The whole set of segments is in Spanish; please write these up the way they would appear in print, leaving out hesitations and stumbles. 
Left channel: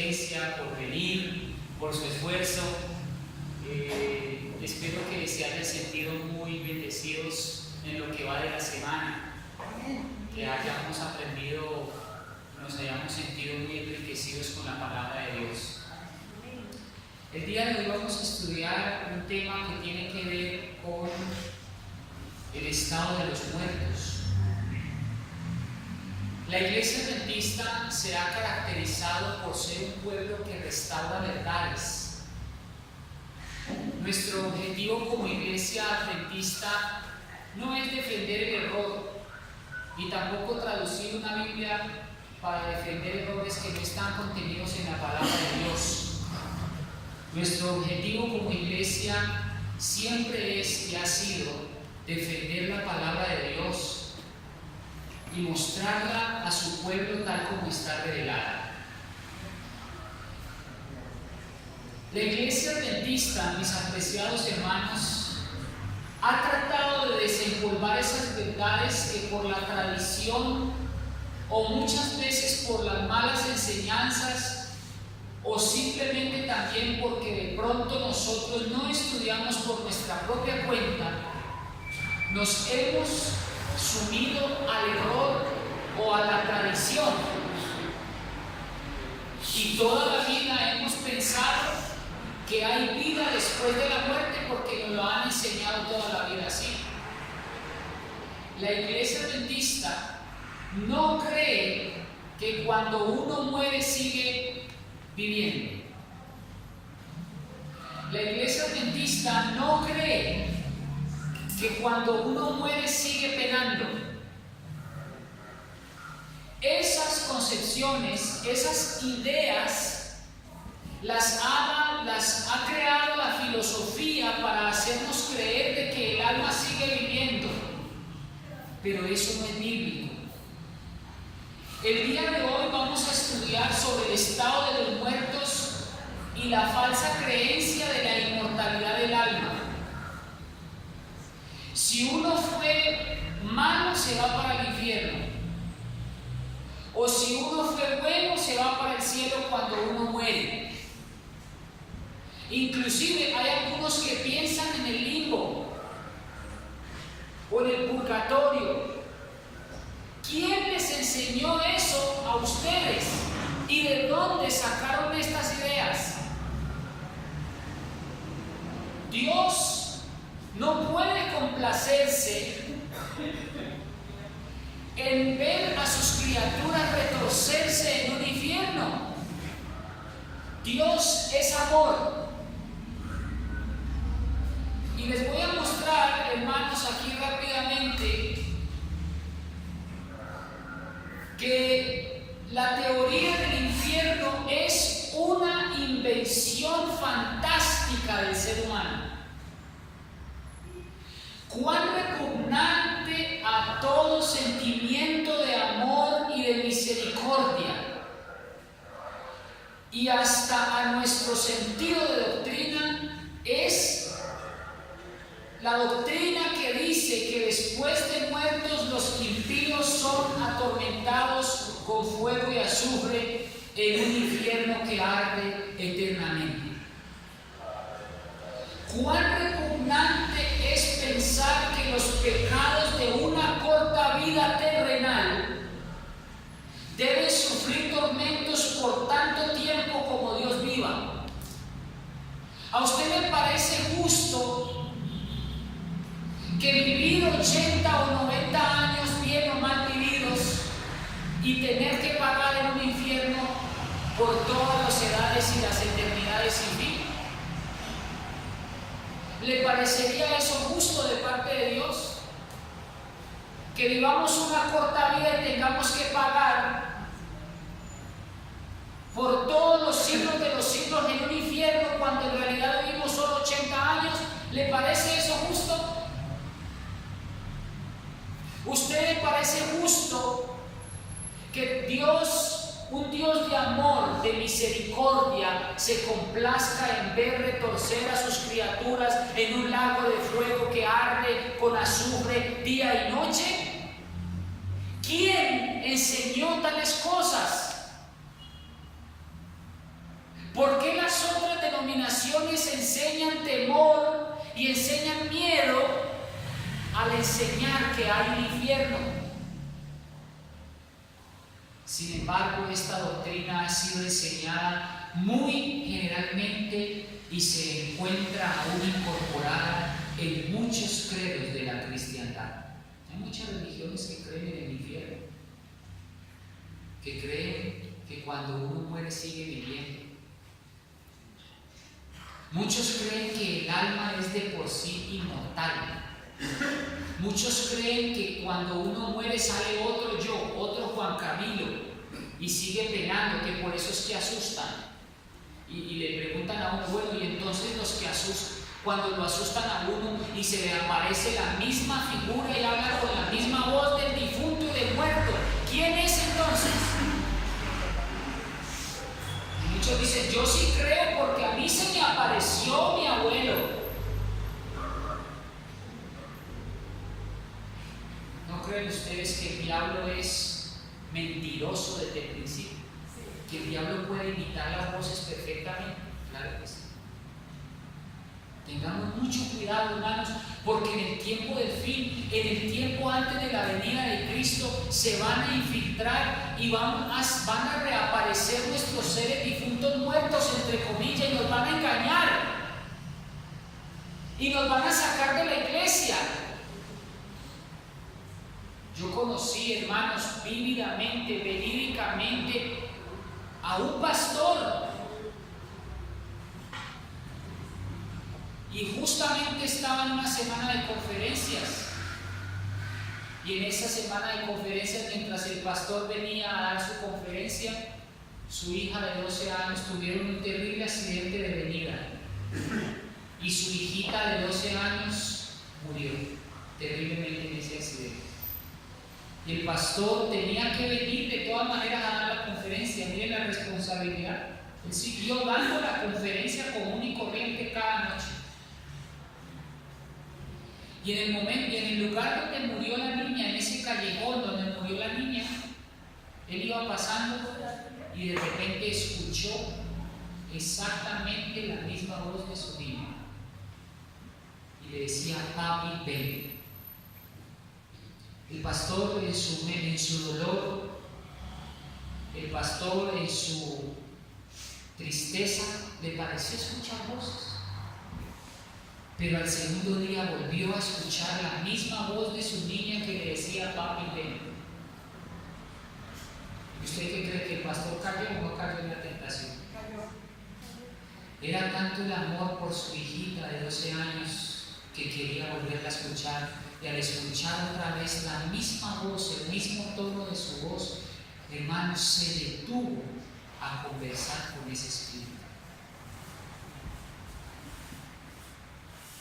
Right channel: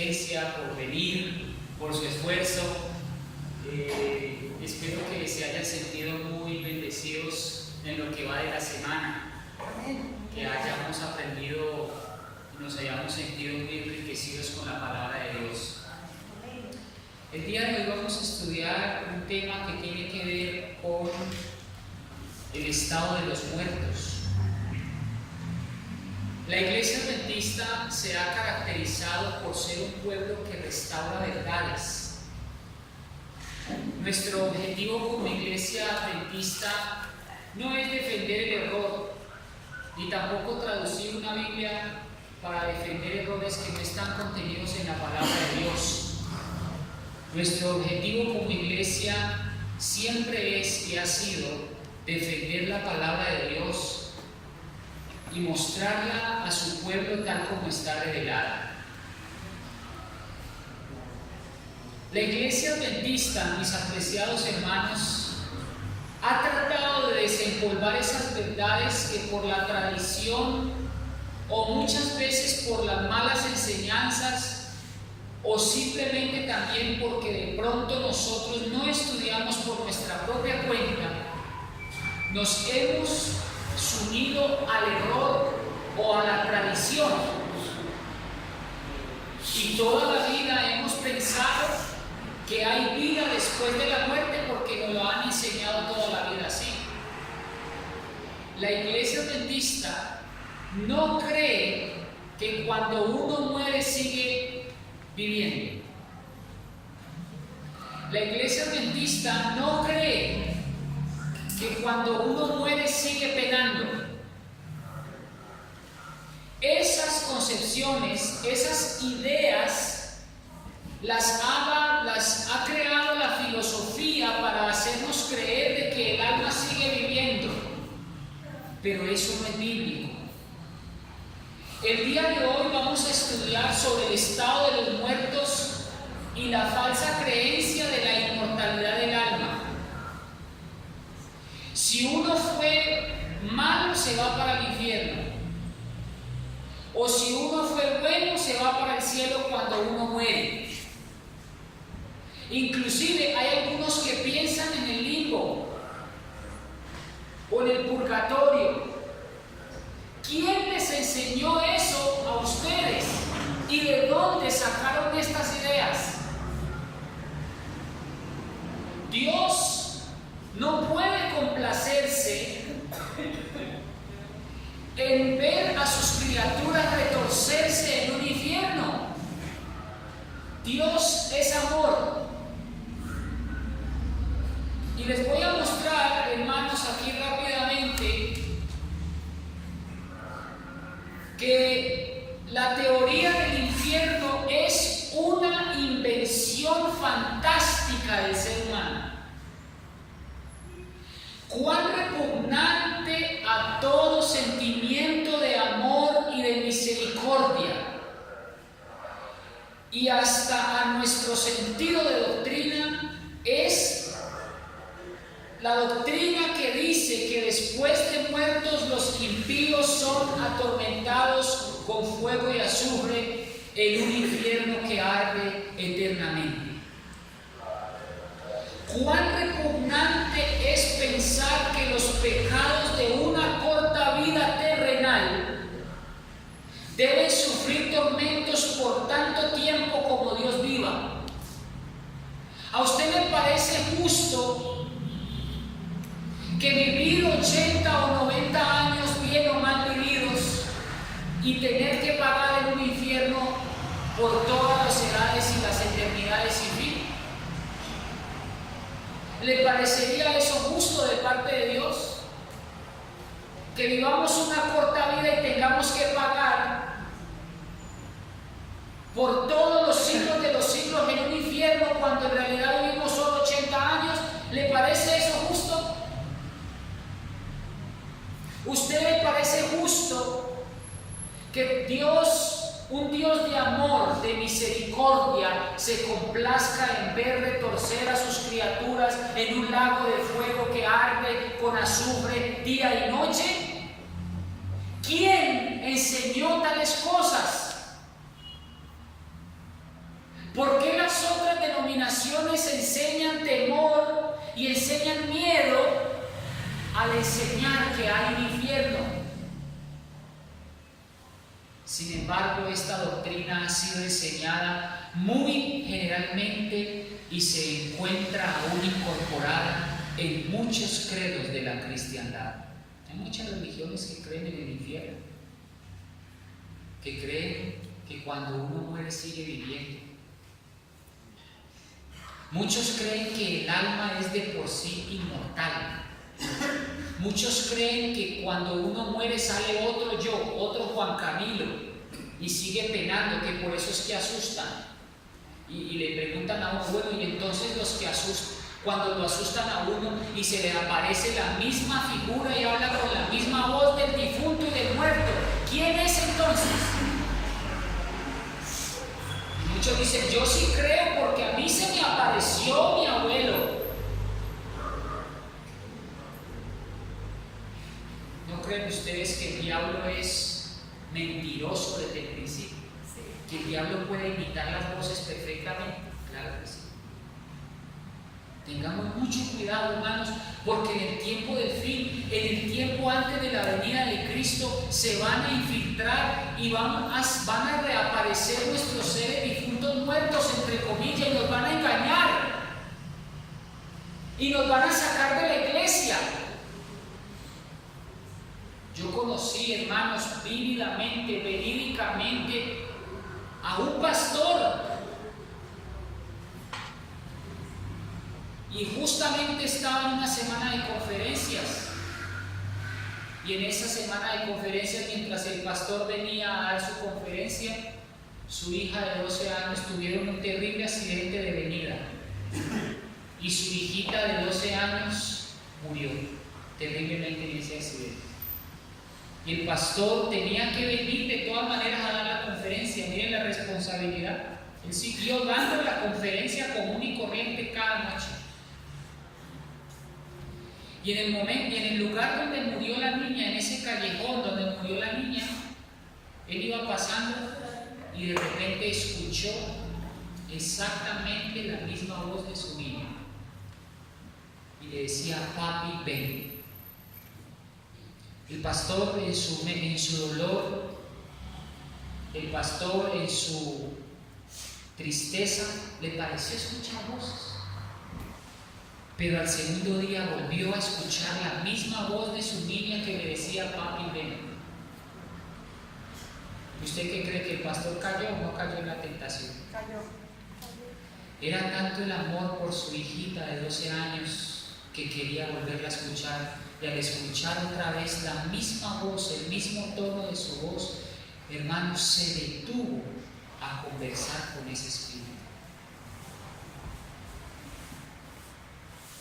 asistencia, por venir, por su esfuerzo. Espero que se hayan sentido muy bendecidos en lo que va de la semana, que hayamos aprendido, nos hayamos sentido muy enriquecidos con la palabra de Dios. El día de hoy vamos a estudiar un tema que tiene que ver con el estado de los muertos. La Iglesia Adventista se ha caracterizado por ser un pueblo que restaura verdades. Nuestro objetivo como Iglesia Adventista no es defender el error, ni tampoco traducir una Biblia para defender errores que no están contenidos en la palabra de Dios. Nuestro objetivo como Iglesia siempre es y ha sido defender la palabra de Dios y mostrarla a su pueblo tal como está revelada. La Iglesia Adventista, mis apreciados hermanos, ha tratado de desempolvar esas verdades que por la tradición o muchas veces por las malas enseñanzas o simplemente también porque de pronto nosotros no estudiamos por nuestra propia cuenta, nos hemos sumido al error o a la tradición y toda la vida hemos pensado que hay vida después de la muerte porque nos lo han enseñado toda la vida así. La Iglesia Adventista no cree que cuando uno muere sigue viviendo. La Iglesia Adventista no cree que cuando uno muere sigue penando. Esas concepciones, esas ideas, las ha creado la filosofía para hacernos creer de que el alma sigue viviendo, pero eso no es bíblico. El día de hoy vamos a estudiar sobre el estado de los muertos y la falsa creencia de la inmortalidad del alma. Si uno fue malo, se va para el infierno. O si uno fue bueno, se va para el cielo cuando uno muere. Inclusive hay algunos que piensan en el limbo o en el purgatorio. ¿Quién les enseñó eso a ustedes? ¿Y de dónde sacaron estas ideas? Dios no puede complacerse en ver a sus criaturas retorcerse en un infierno. Dios es amor. Y les voy a mostrar, hermanos, aquí rápidamente, que la teoría del infierno es una invención fantástica del ser humano. Cuán repugnante a todo sentimiento de amor y de misericordia, y hasta a nuestro sentido de doctrina, es la doctrina que dice que después de muertos los impíos son atormentados con fuego y azufre en un infierno que arde eternamente. Cuán repugnante es pensar que los pecados de una corta vida terrenal deben sufrir tormentos por tanto tiempo como Dios viva. ¿A usted le parece justo que vivir 80 o 90 años bien o mal vividos y tener que pagar en un infierno por todas las edades y las eternidades sin fin? ¿Le parecería eso justo de parte de Dios? Que vivamos una corta vida y tengamos que pagar por todos los siglos de los siglos en un infierno cuando en realidad vivimos solo 80 años. ¿Le parece eso justo? ¿Usted le parece justo que Dios, un Dios de amor, de misericordia, se complazca en ver retorcer a sus criaturas en un lago de fuego que arde con azufre día y noche? ¿Quién enseñó tales cosas? las otras denominaciones enseñan temor y enseñan miedo al enseñar que hay un infierno. Sin embargo, esta doctrina ha sido enseñada muy generalmente y se encuentra aún incorporada en muchos credos de la cristiandad. Hay muchas religiones que creen en el infierno, que creen que cuando uno muere sigue viviendo. Muchos creen que el alma es de por sí inmortal. Muchos creen que cuando uno muere sale otro yo, otro Juan Camilo, y sigue penando, que por eso es que asustan. Y le preguntan a uno, bueno, y entonces los que asustan, cuando lo asustan a uno y se le aparece la misma figura y habla con la misma voz del difunto y del muerto, ¿quién es entonces? Y muchos dicen, yo sí creo porque a mí se me apareció mi abuelo. ¿No creen ustedes que el diablo es mentiroso desde el principio? ¿Que el diablo puede imitar las voces perfectamente? Claro que sí. Tengamos mucho cuidado, hermanos, porque en el tiempo del fin, en el tiempo antes de la venida de Cristo, se van a infiltrar y van a reaparecer nuestros seres difuntos muertos, entre comillas, y nos van a engañar y nos van a sacar de la iglesia. Yo conocí, hermanos, vívidamente, verídicamente, a un pastor, y justamente estaba en una semana de conferencias, y en esa semana de conferencias, mientras el pastor venía a dar su conferencia, su hija de 12 años tuvieron un terrible accidente de venida, y su hijita de 12 años murió terriblemente en ese accidente. Y el pastor tenía que venir de todas maneras a dar la conferencia. Miren la responsabilidad. Él siguió dando la conferencia común y corriente cada noche. Y en el lugar donde murió la niña, en ese callejón donde murió la niña, él iba pasando y de repente escuchó exactamente la misma voz de su niña. Y le decía, papi, ven. El pastor en su dolor, el pastor en su tristeza, le pareció escuchar voces. Pero al segundo día volvió a escuchar la misma voz de su niña que le decía, papi, ven. ¿Usted qué cree, que el pastor cayó o no cayó en la tentación? Era tanto el amor por su hijita de 12 años que quería volverla a escuchar. Y al escuchar otra vez la misma voz, el mismo tono de su voz, hermano, se detuvo a conversar con ese espíritu.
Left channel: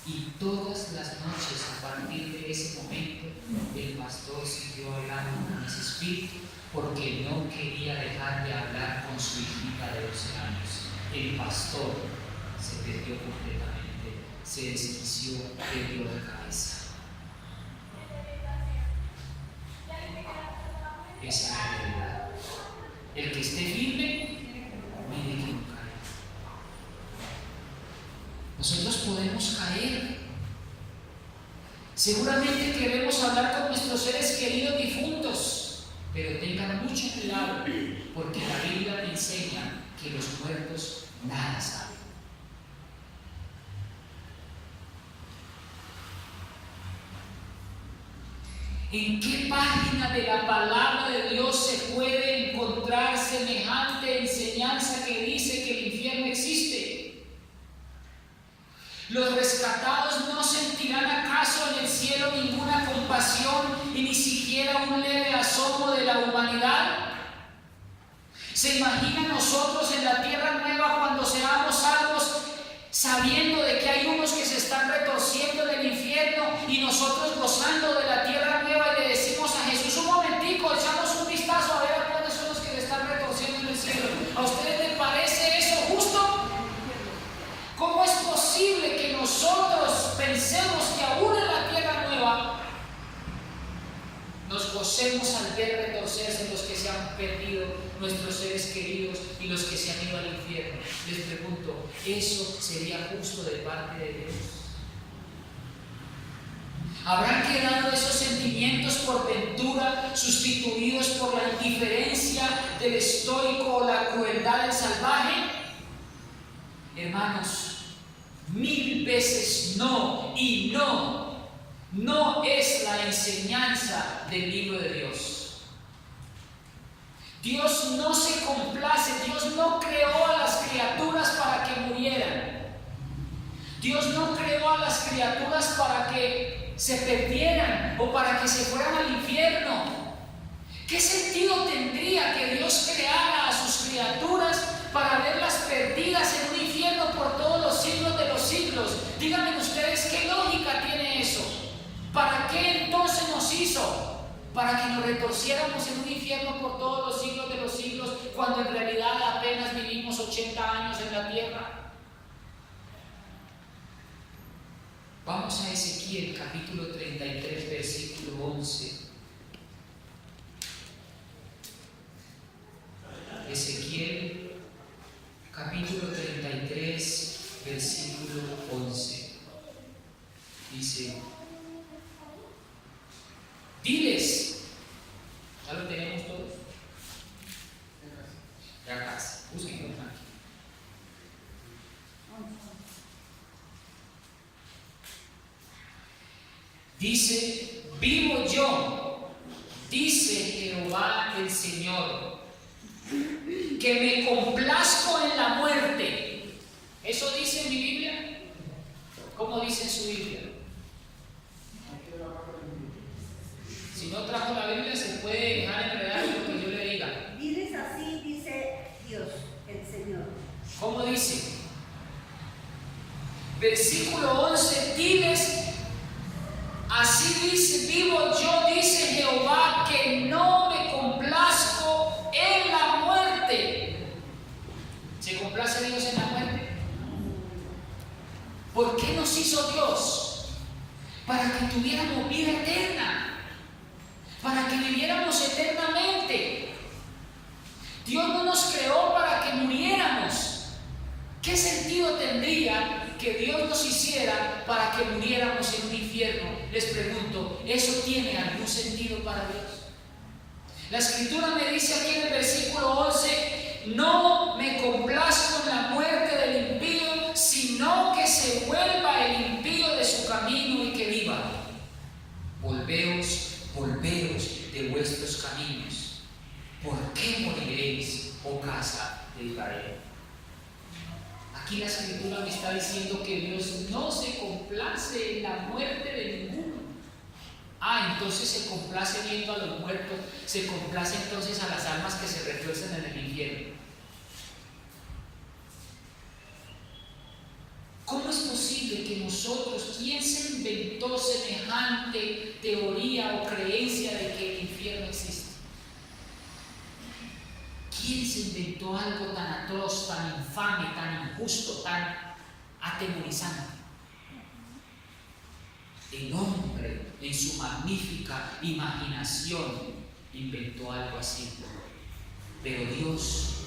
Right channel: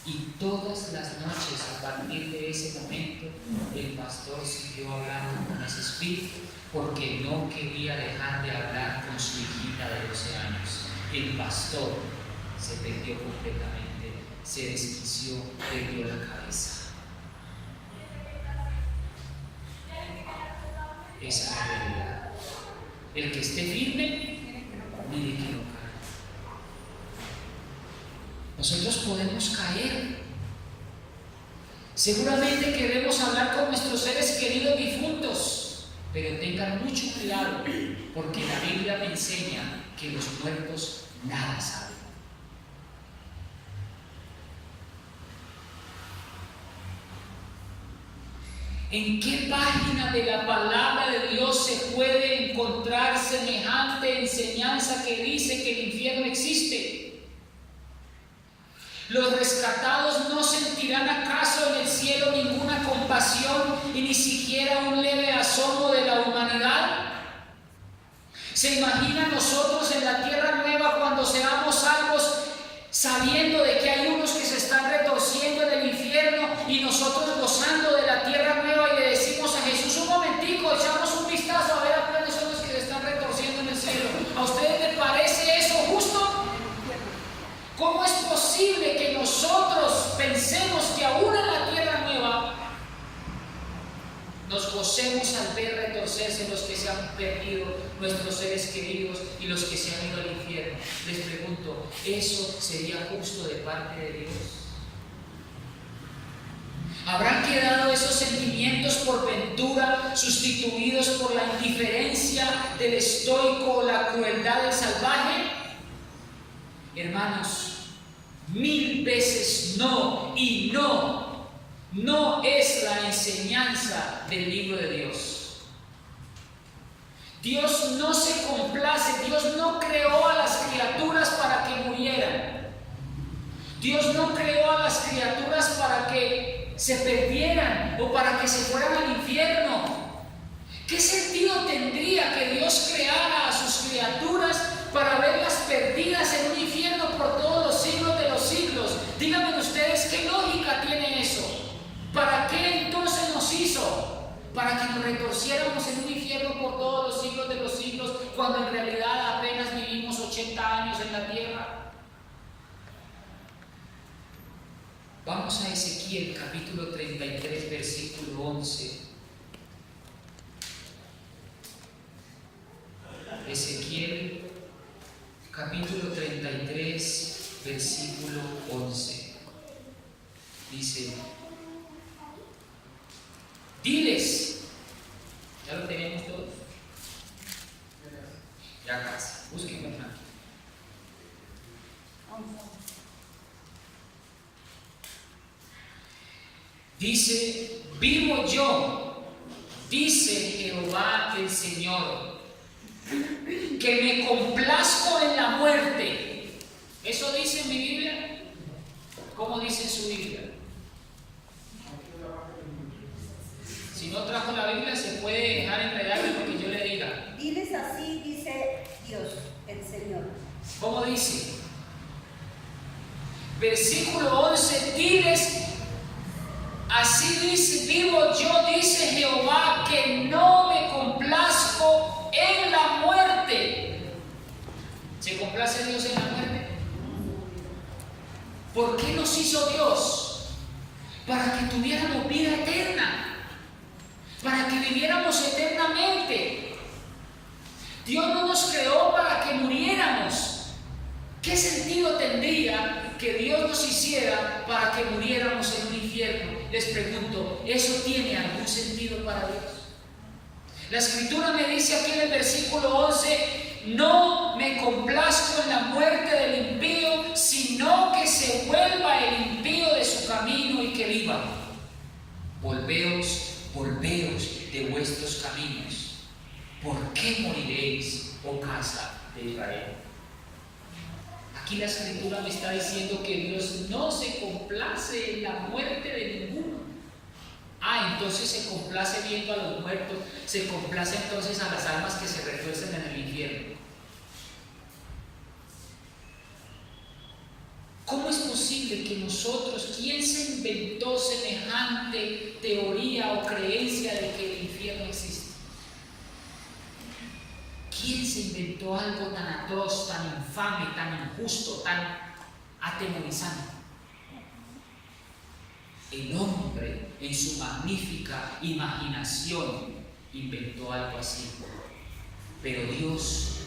Y todas las noches, a partir de ese momento, el pastor siguió hablando con ese espíritu porque no quería dejar de hablar con su hijita de 12 años. El pastor se perdió completamente, se desquició, perdió la cabeza. Esa es la realidad. El que esté firme, mire que no cae. Nosotros podemos caer. Seguramente queremos hablar con nuestros seres queridos difuntos, pero tengan mucho cuidado, porque la Biblia me enseña que los muertos nada saben. ¿En qué página de la palabra de Dios se puede encontrar semejante enseñanza que dice que el infierno existe? ¿Los rescatados no sentirán acaso en el cielo ninguna compasión y ni siquiera un leve asombro de la humanidad? ¿Se imagina nosotros en la tierra nueva cuando seamos salvos, sabiendo de que hay unos que se están retorciendo en el infierno y nosotros gozando de la tierra nueva, y le decimos a Jesús, un momentico, echamos un vistazo a ver a cuáles son los que se están retorciendo en el cielo? ¿A ustedes les parece eso justo? ¿Cómo es posible que nosotros pensemos que aún en la tierra nueva nos gocemos retorcemos al ver retorcerse los que se han perdido, nuestros seres queridos y los que se han ido al infierno. Les pregunto, ¿eso sería justo de parte de Dios? ¿Habrán quedado esos sentimientos por ventura sustituidos por la indiferencia del estoico o la crueldad del salvaje? Hermanos, 1000 veces no, y no es la enseñanza del libro de Dios. Dios no se complace, Dios no creó a las criaturas para que murieran. Dios no creó a las criaturas para que se perdieran o para que se fueran al infierno. ¿Qué sentido tendría que Dios creara a sus criaturas para verlas perdidas en un infierno por todos los siglos de los siglos? Díganme ustedes, ¿qué lógica tiene eso? ¿Para qué entonces nos hizo? ¿Para que nos retorciéramos en un infierno por todos los siglos de los siglos, cuando en realidad apenas vivimos 80 años en la tierra? Vamos a Ezequiel capítulo 33, versículo 11. Ezequiel capítulo 33, versículo 11. Dice: diles, ¿ya lo tenemos todos? Ya casi, búsquenlo aquí. Dice: vivo yo, dice Jehová el Señor, que me complazco en la muerte. ¿Eso dice en mi Biblia? ¿Cómo dice en su Biblia? Si no trajo la Biblia, se puede dejar enredar en lo que yo le diga. Diles así, dice Dios, el Señor. ¿Cómo dice? Versículo 11, diles: así dice, vivo yo, dice Jehová, que no me complazco en la muerte. ¿Se complace Dios en la muerte? ¿Por qué nos hizo Dios? Para que tuviéramos vida eterna, para que viviéramos eternamente. Dios no nos creó para que muriéramos. ¿Qué sentido tendría que Dios nos hiciera para que muriéramos en un infierno? Les pregunto, ¿eso tiene algún sentido para Dios? La Escritura me dice aquí en el versículo 11: no me complazco en la muerte del impío, sino que se vuelva el impío de su camino y que viva. Volveos de vuestros caminos. ¿Por qué moriréis, oh casa de Israel? Aquí la Escritura me está diciendo que Dios no se complace en la muerte de ninguno. Entonces se complace viendo a los muertos, se complace entonces a las almas que se retuercen en el infierno. ¿Cómo es posible que nosotros, quién se inventó semejante teoría o creencia de que el infierno existe? ¿Quién se inventó algo tan atroz, tan infame, tan injusto, tan atemorizante? El hombre, en su magnífica imaginación, inventó algo así. Pero Dios,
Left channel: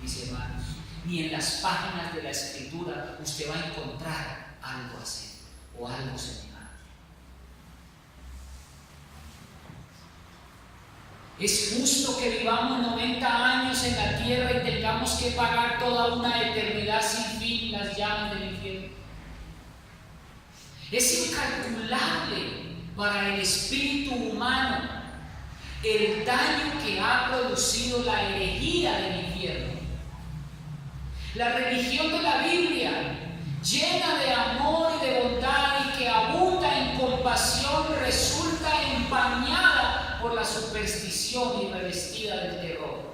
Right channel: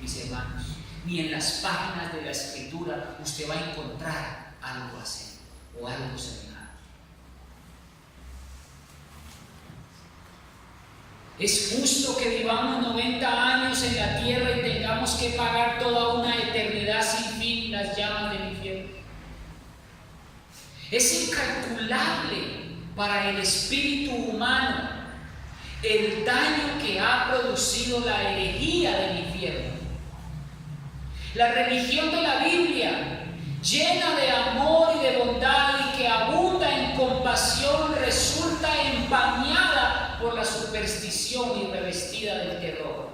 mis hermanos, ni en las páginas de la Escritura usted va a encontrar algo así o algo semejante. ¿Es justo que vivamos 90 años en la tierra y tengamos que pagar toda una eternidad sin fin las llamas del infierno? Es incalculable para el espíritu humano el daño que ha producido la herejía del infierno. La religión de la Biblia, llena de amor y de bondad y que abunda en compasión, resulta empañada por la superstición y revestida del terror.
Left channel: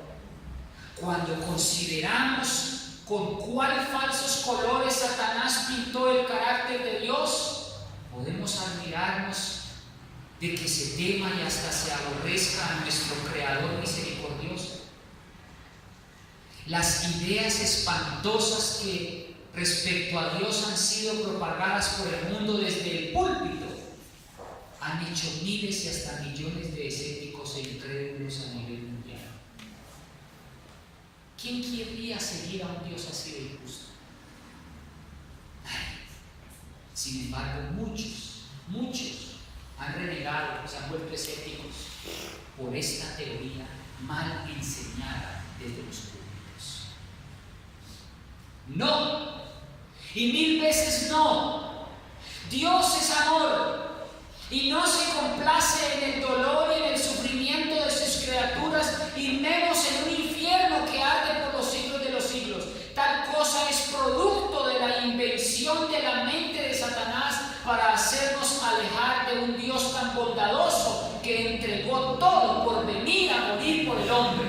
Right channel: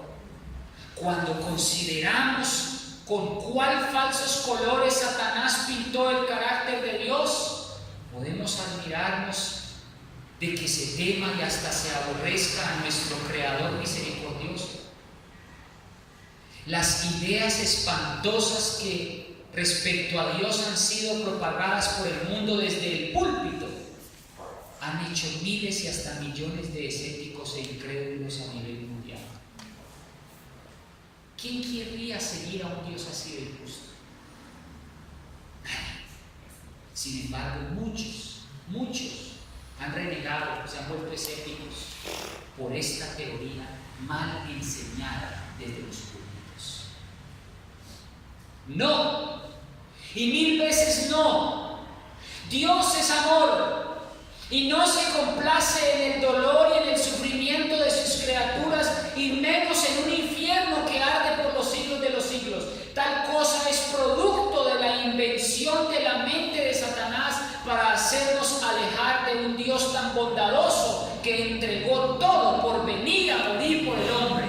Cuando consideramos con cuál falsos colores Satanás pintó el carácter de Dios, podemos admirarnos de que se tema y hasta se aborrezca a nuestro Creador misericordioso. Las ideas espantosas que respecto a Dios han sido propagadas por el mundo desde el púlpito han hecho miles y hasta millones de escépticos ciegos e incrédulos a nivel mundial. ¿Quién querría seguir a un Dios así de injusto? Nadie. Sin embargo, muchos han renegado, se han vuelto escépticos por esta teoría mal enseñada desde los púlpitos. No, y 1000 veces no. Dios es amor y no se complace en el dolor y en el sufrimiento de sus criaturas, y menos en un infierno que arde por los siglos de los siglos. Tal cosa es producto de la invención de la mente de Satanás para hacernos alejar de un Dios tan bondadoso que entregó todo por venir a morir por el hombre.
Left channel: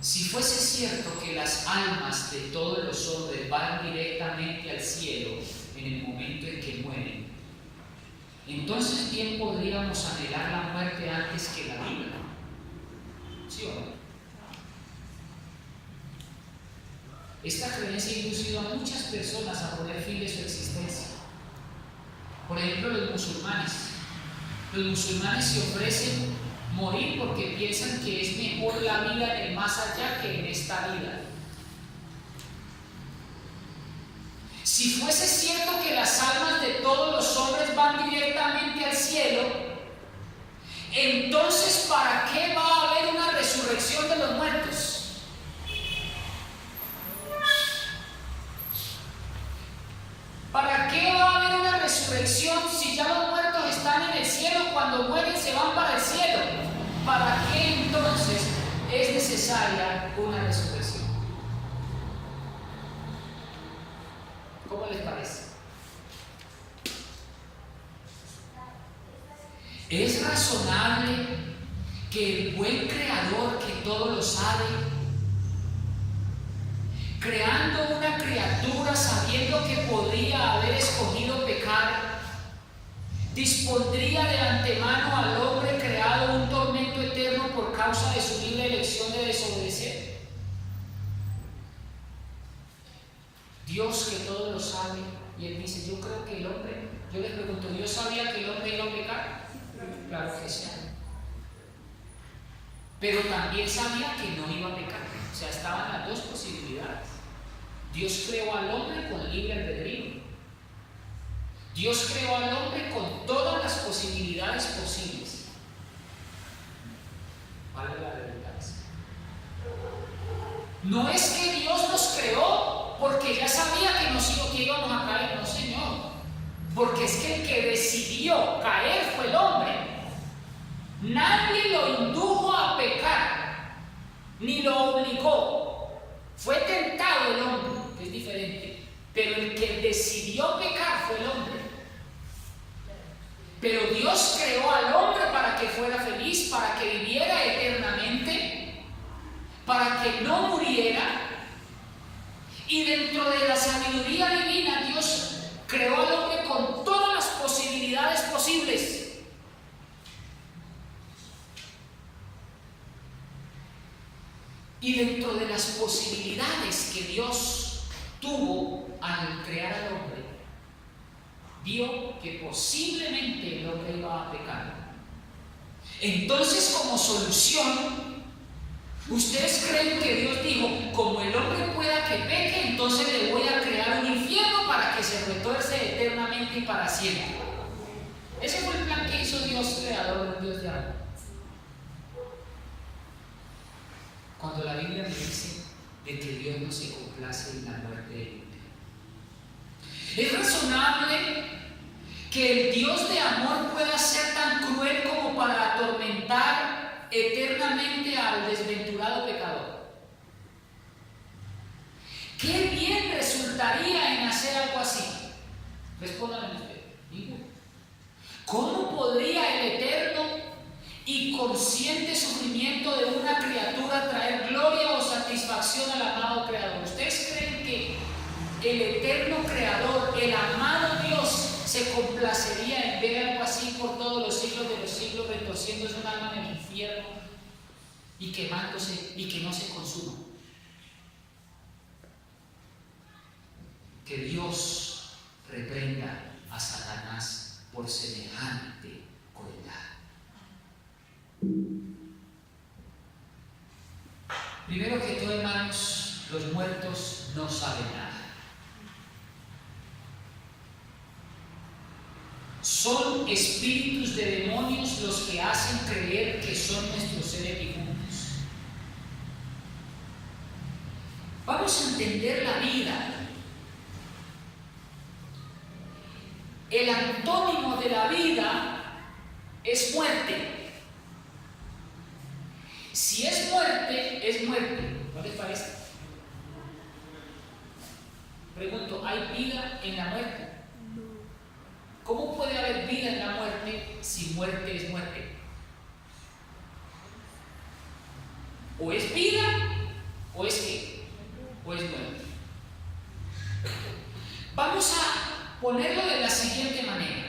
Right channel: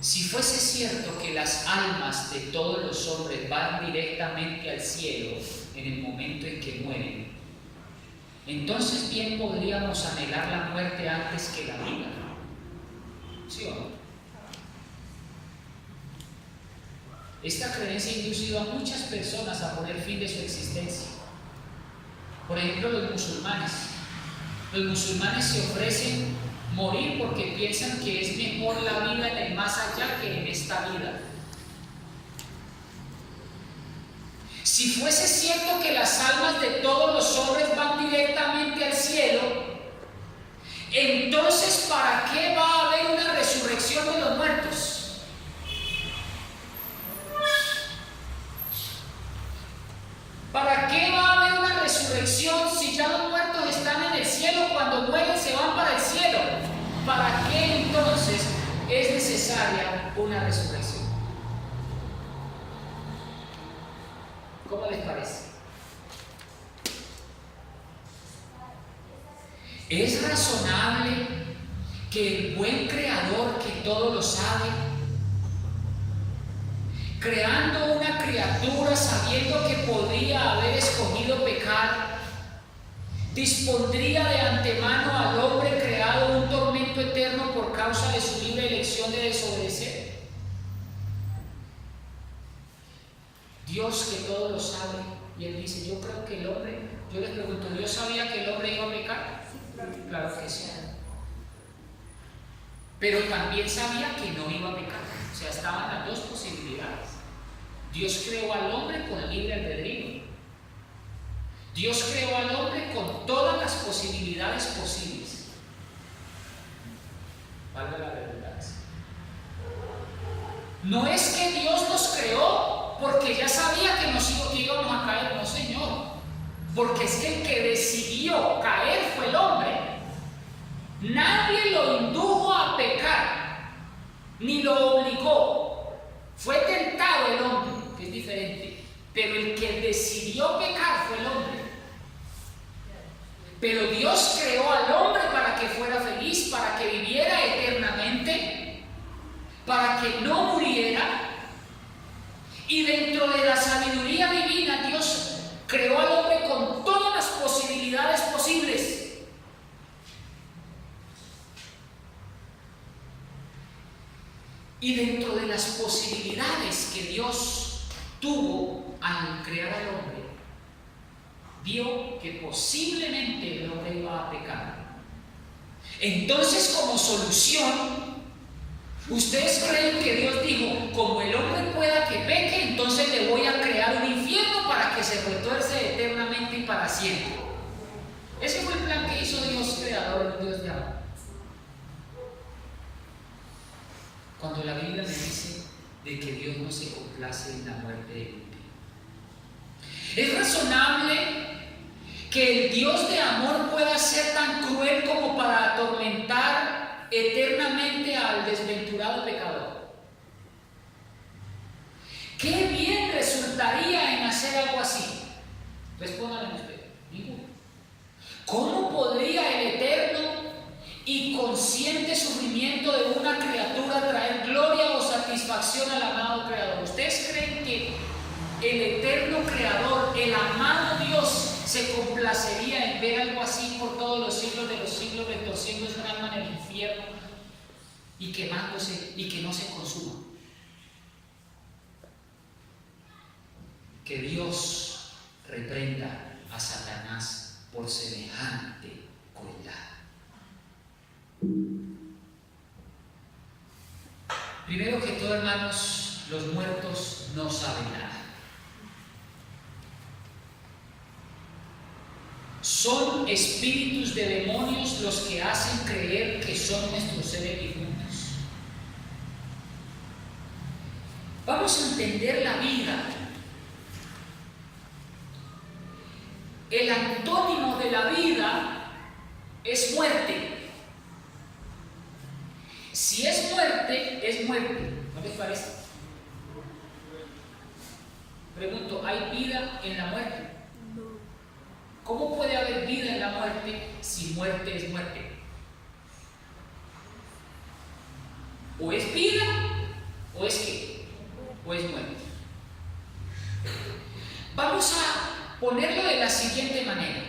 Si fuese cierto que las almas de todos los hombres van directamente al cielo en el momento en que mueren, entonces bien podríamos anhelar la muerte antes que la vida. ¿Sí o no? Esta creencia ha inducido a muchas personas a poner fin de su existencia. Por ejemplo, los musulmanes. Los musulmanes se ofrecen morir porque piensan que es mejor la vida en el más allá que en esta vida. Si fuese cierto que las almas de todos los hombres van directamente al cielo, entonces ¿para qué va a haber una resurrección de los muertos? ¿Para qué va a haber una resurrección si ya los muertos están en el cielo? Cuando mueren se van para el cielo. ¿Para qué entonces es necesaria una resurrección? ¿Cómo les parece? ¿Es razonable que el buen Creador, que todo lo sabe, creando una criatura sabiendo que podría haber escogido pecar, dispondría de antemano al hombre creado un tormento eterno por causa de su libre elección de desobedecer? Dios, que todo lo sabe, y Él dice, yo creo que el hombre, yo le pregunto, ¿Dios sabía que el hombre iba a pecar? Claro que sí. Pero también sabía que no iba a pecar. O sea, estaban las dos posibilidades. Dios creó al hombre con libre albedrío. Dios creó al hombre con todas las posibilidades posibles. Valga la redundancia. No es que Dios nos creó porque ya sabía que íbamos a caer, no, Señor. Porque es que el que decidió caer fue el hombre. Nadie lo indujo a pecar, ni lo obligó. Fue tentado el hombre, que es diferente. Pero el que decidió pecar fue el hombre. Pero Dios creó al hombre para que fuera feliz, para que viviera eternamente, para que no muriera. Y dentro de la sabiduría divina, Dios creó al hombre con todas las posibilidades posibles. Y dentro de las posibilidades que Dios tuvo al crear al hombre, vio que posiblemente el hombre iba a pecar. Entonces, como solución, ¿ustedes creen que Dios dijo, como el hombre pueda que peque, entonces le voy a crear un infierno para que se retuerce eternamente y para siempre? Ese fue el plan que hizo Dios creador, Dios de amor. Cuando la Biblia me dice de que Dios no se complace en la muerte del impío. ¿Es razonable que el Dios de amor pueda ser tan cruel como para atormentar eternamente al desventurado pecador? ¿Qué bien resultaría en hacer algo así? Respóndanme ustedes. Ninguno. ¿Cómo podría el eterno y consciente sufrimiento de una criatura traer gloria o satisfacción al amado Creador? ¿Ustedes creen que el eterno Creador, el amado Dios, se complacería en ver algo así por todos los siglos de los siglos, retorciéndose un alma en el infierno y quemándose y que no se consuma? Que Dios reprenda a Satanás por semejante crueldad. Primero que todo, hermanos, los muertos no saben nada. Son espíritus de demonios los que hacen creer que son nuestros seres difuntos. Vamos a entender la vida. El antónimo de la vida es muerte. Si es muerte, es muerte. ¿No les parece? Pregunto, ¿hay vida en la muerte? ¿Cómo puede haber vida en la muerte si muerte es muerte? O es vida, o es qué, o es muerte. Vamos a ponerlo de la siguiente manera.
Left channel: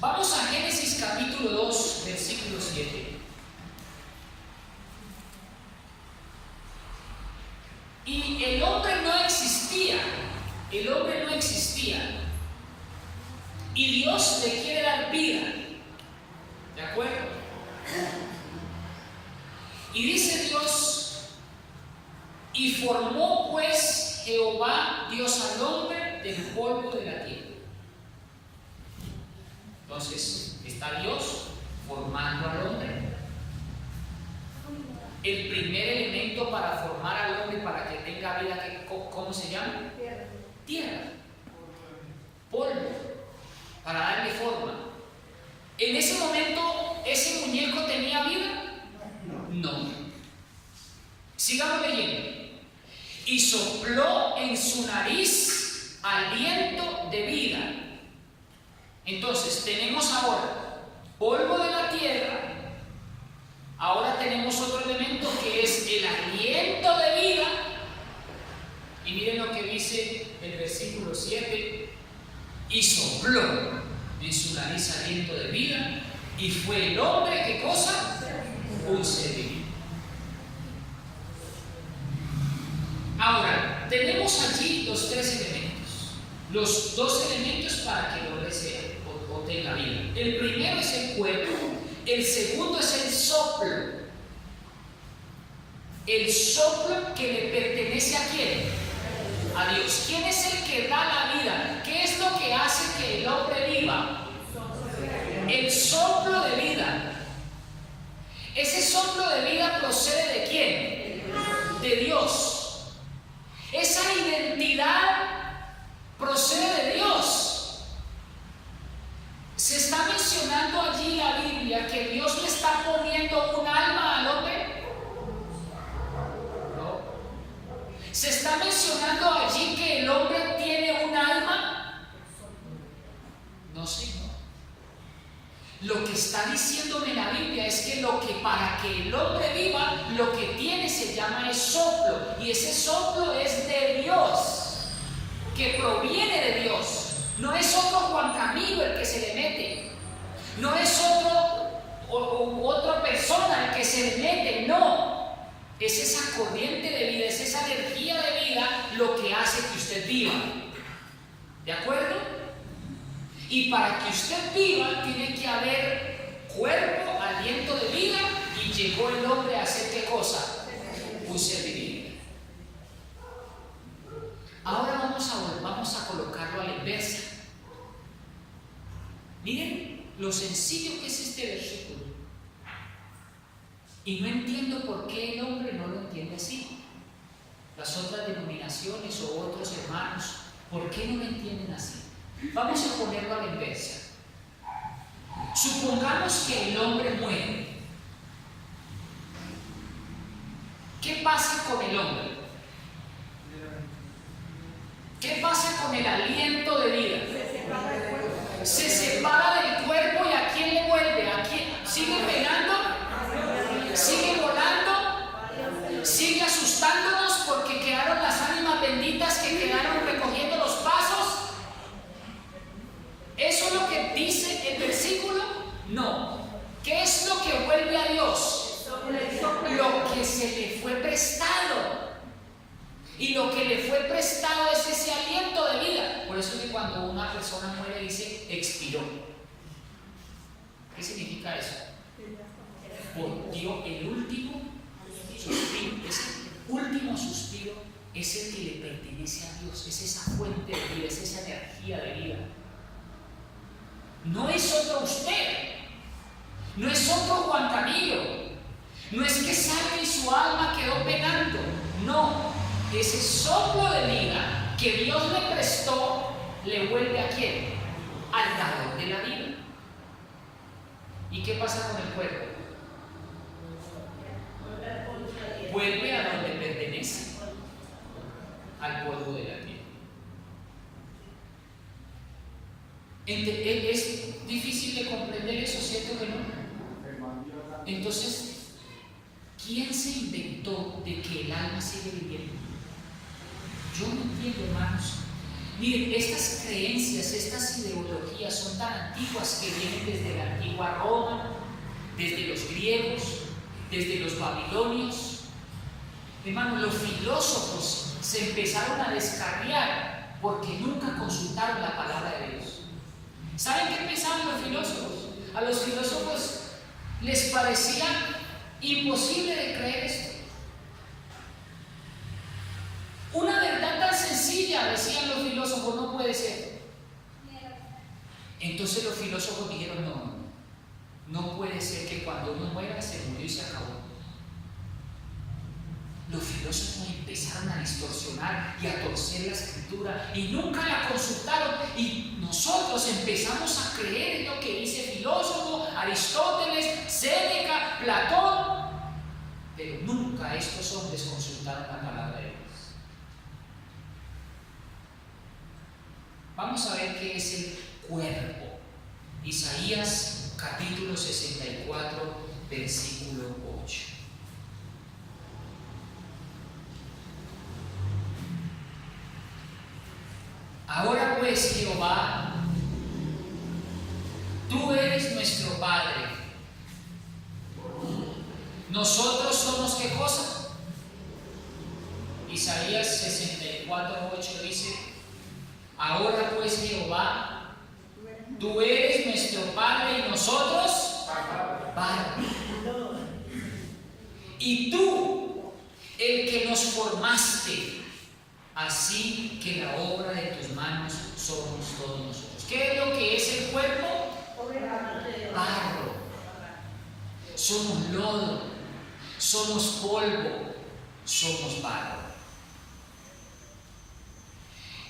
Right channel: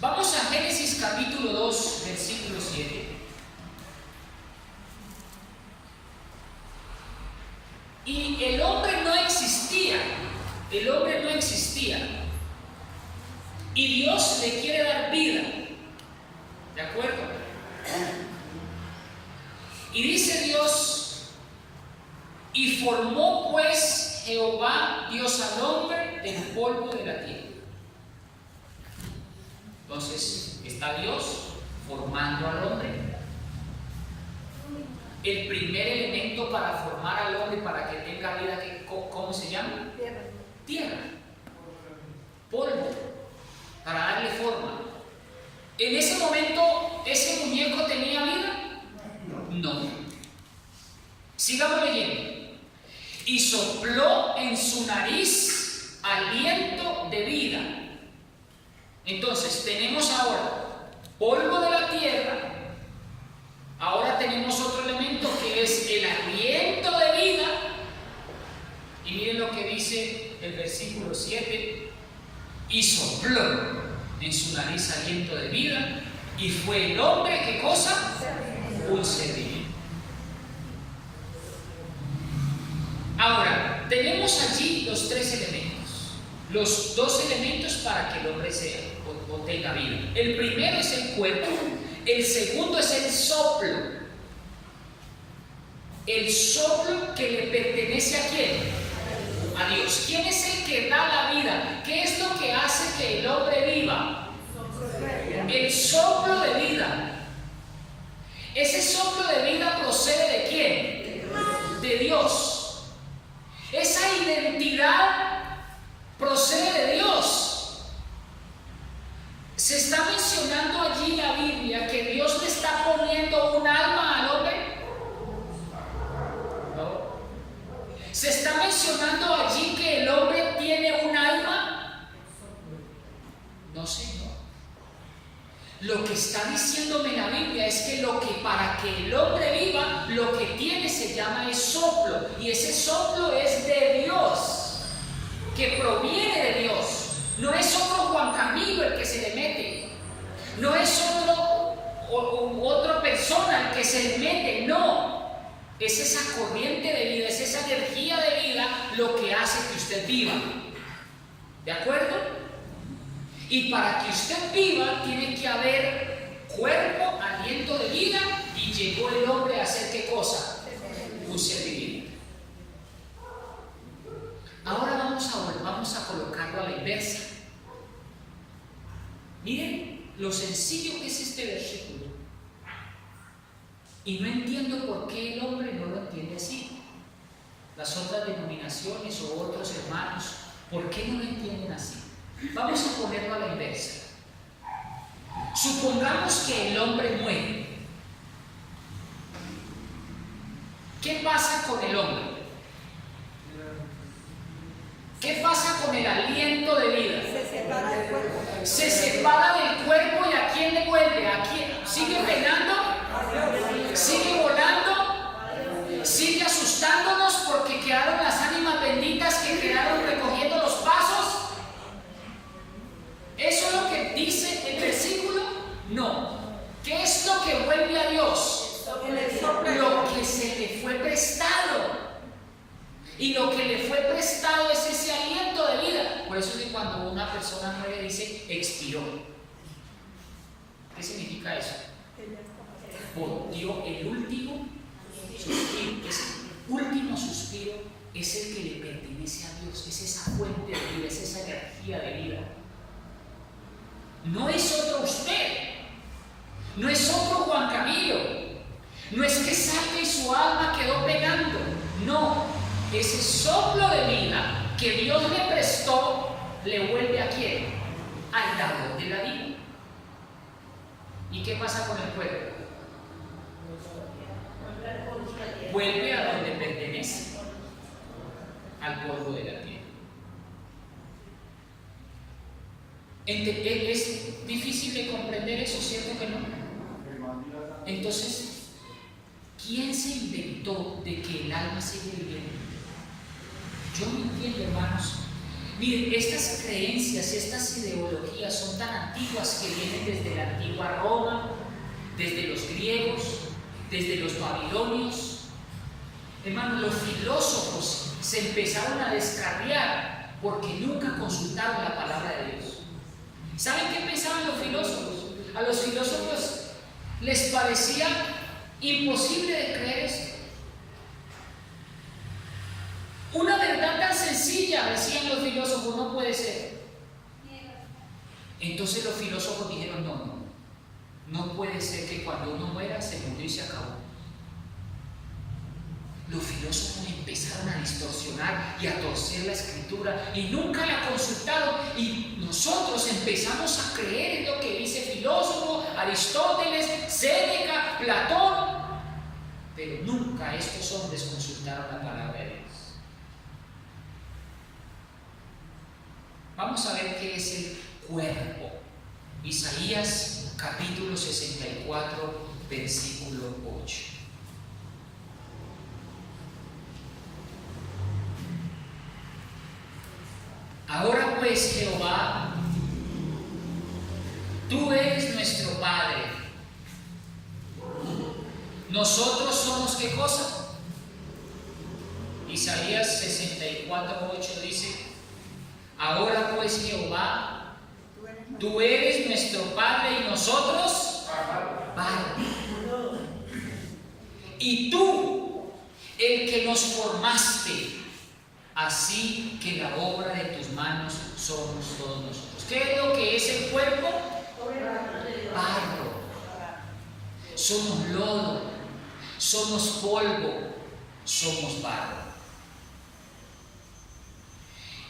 Vamos a Génesis capítulo 2, versículo 7. Y el hombre no existía. El hombre no existía. Y Dios le quiere dar vida. ¿De acuerdo? Y dice Dios: y formó pues Jehová Dios al hombre del polvo de la tierra. Entonces está Dios formando al hombre. El primer elemento para formar al hombre, para que tenga vida, ¿cómo se llama? Tierra. Tierra. Polvo. Para darle forma. En ese momento, ¿ese muñeco tenía vida? No. Sigamos leyendo. Y sopló en su nariz aliento de vida. Entonces, tenemos ahora polvo de la tierra. Ahora tenemos otro elemento que es el aliento de vida. Y miren lo que dice el versículo 7. Y sopló en su nariz aliento de vida, y fue el hombre, ¿qué cosa? Un ser vivo. Ahora, tenemos allí los tres elementos, los dos elementos para que el hombre sea o tenga vida. El primero es el cuerpo, el segundo es el soplo. El soplo que le pertenece a ¿quién? A Dios. ¿Quién es el que da la vida? ¿Qué es lo que hace que el hombre viva? El soplo de vida. Ese soplo de vida procede ¿de quién? De Dios. Esa identidad procede de Dios. Se está mencionando allí la Biblia que Dios le está poniendo un alma al hombre. ¿Se está mencionando allí que el hombre tiene un alma? No, Señor. Lo que está diciéndome la Biblia es que para que el hombre viva, lo que tiene se llama el soplo. Y ese soplo es de Dios, que proviene de Dios. No es otro Juan Camilo el que se le mete. No es otra persona el que se le mete. No. Es esa corriente de vida, es esa energía de vida lo que hace que usted viva. ¿De acuerdo? Y para que usted viva tiene que haber cuerpo, aliento de vida, y llegó el hombre a hacer ¿qué cosa? Un ser divino. Ahora vamos a colocarlo a la inversa. Miren lo sencillo que es este versículo. Y no entiendo por qué el hombre no lo entiende así. Las otras denominaciones o otros hermanos, ¿por qué no lo entienden así? Vamos a ponerlo a la inversa. Supongamos que el hombre muere. ¿Qué pasa con el hombre? ¿Qué pasa con el aliento de vida? Se separa del cuerpo, y ¿a quién le vuelve? ¿A quién? ¿Sigue penando? ¿Sigue volando? ¿Sigue asustándonos porque quedaron las ánimas benditas que quedaron recogiendo los pasos? ¿Eso es lo que dice el versículo? No. ¿Qué es lo que vuelve a Dios? Lo que se le fue prestado. Y lo que le fue prestado es ese aliento de vida. Por eso es que cuando una persona muere dice expiró. ¿Qué significa eso? Dio el último suspiro. Ese último suspiro es el que le pertenece a Dios. Es esa fuente de vida, es esa energía de vida. No es otro usted. No es otro Juan Camilo. No es que sale y su alma quedó penando. No. Ese soplo de vida que Dios le prestó le vuelve a quién? Al dador de la vida. ¿Y qué pasa con el cuerpo? Vuelve a donde pertenece, al polvo de la tierra. Es difícil de comprender eso, ¿cierto que no? Entonces, ¿quién se inventó de que el alma sigue viviendo? Yo no entiendo, hermanos. Miren, estas creencias, estas ideologías son tan antiguas que vienen desde la antigua Roma, desde los griegos, desde los babilonios. Hermanos, los filósofos se empezaron a descarriar porque nunca consultaron la palabra de Dios. ¿Saben qué pensaban los filósofos? A los filósofos les parecía imposible de creer esto. Una verdad tan sencilla, decían los filósofos, no puede ser. Entonces los filósofos dijeron, no puede ser que cuando uno muera se murió y se acabó. Los filósofos empezaron a distorsionar y a torcer la escritura y nunca la consultaron, y nosotros empezamos a creer en lo que dice filósofo, Aristóteles, Séneca, Platón, pero nunca estos hombres consultaron la palabra de Dios. Vamos a ver qué es el cuerpo. Isaías capítulo 64, versículo 8. Ahora pues, Jehová, tú eres nuestro Padre. Nosotros somos, ¿qué cosa? Isaías 64, 8 dice: ahora pues, Jehová, tú eres nuestro Padre y nosotros barro. Y tú, el que nos formaste, así que la obra de tus manos somos todos nosotros. ¿Qué es lo que es el cuerpo? Barro. Somos lodo, somos polvo, somos barro.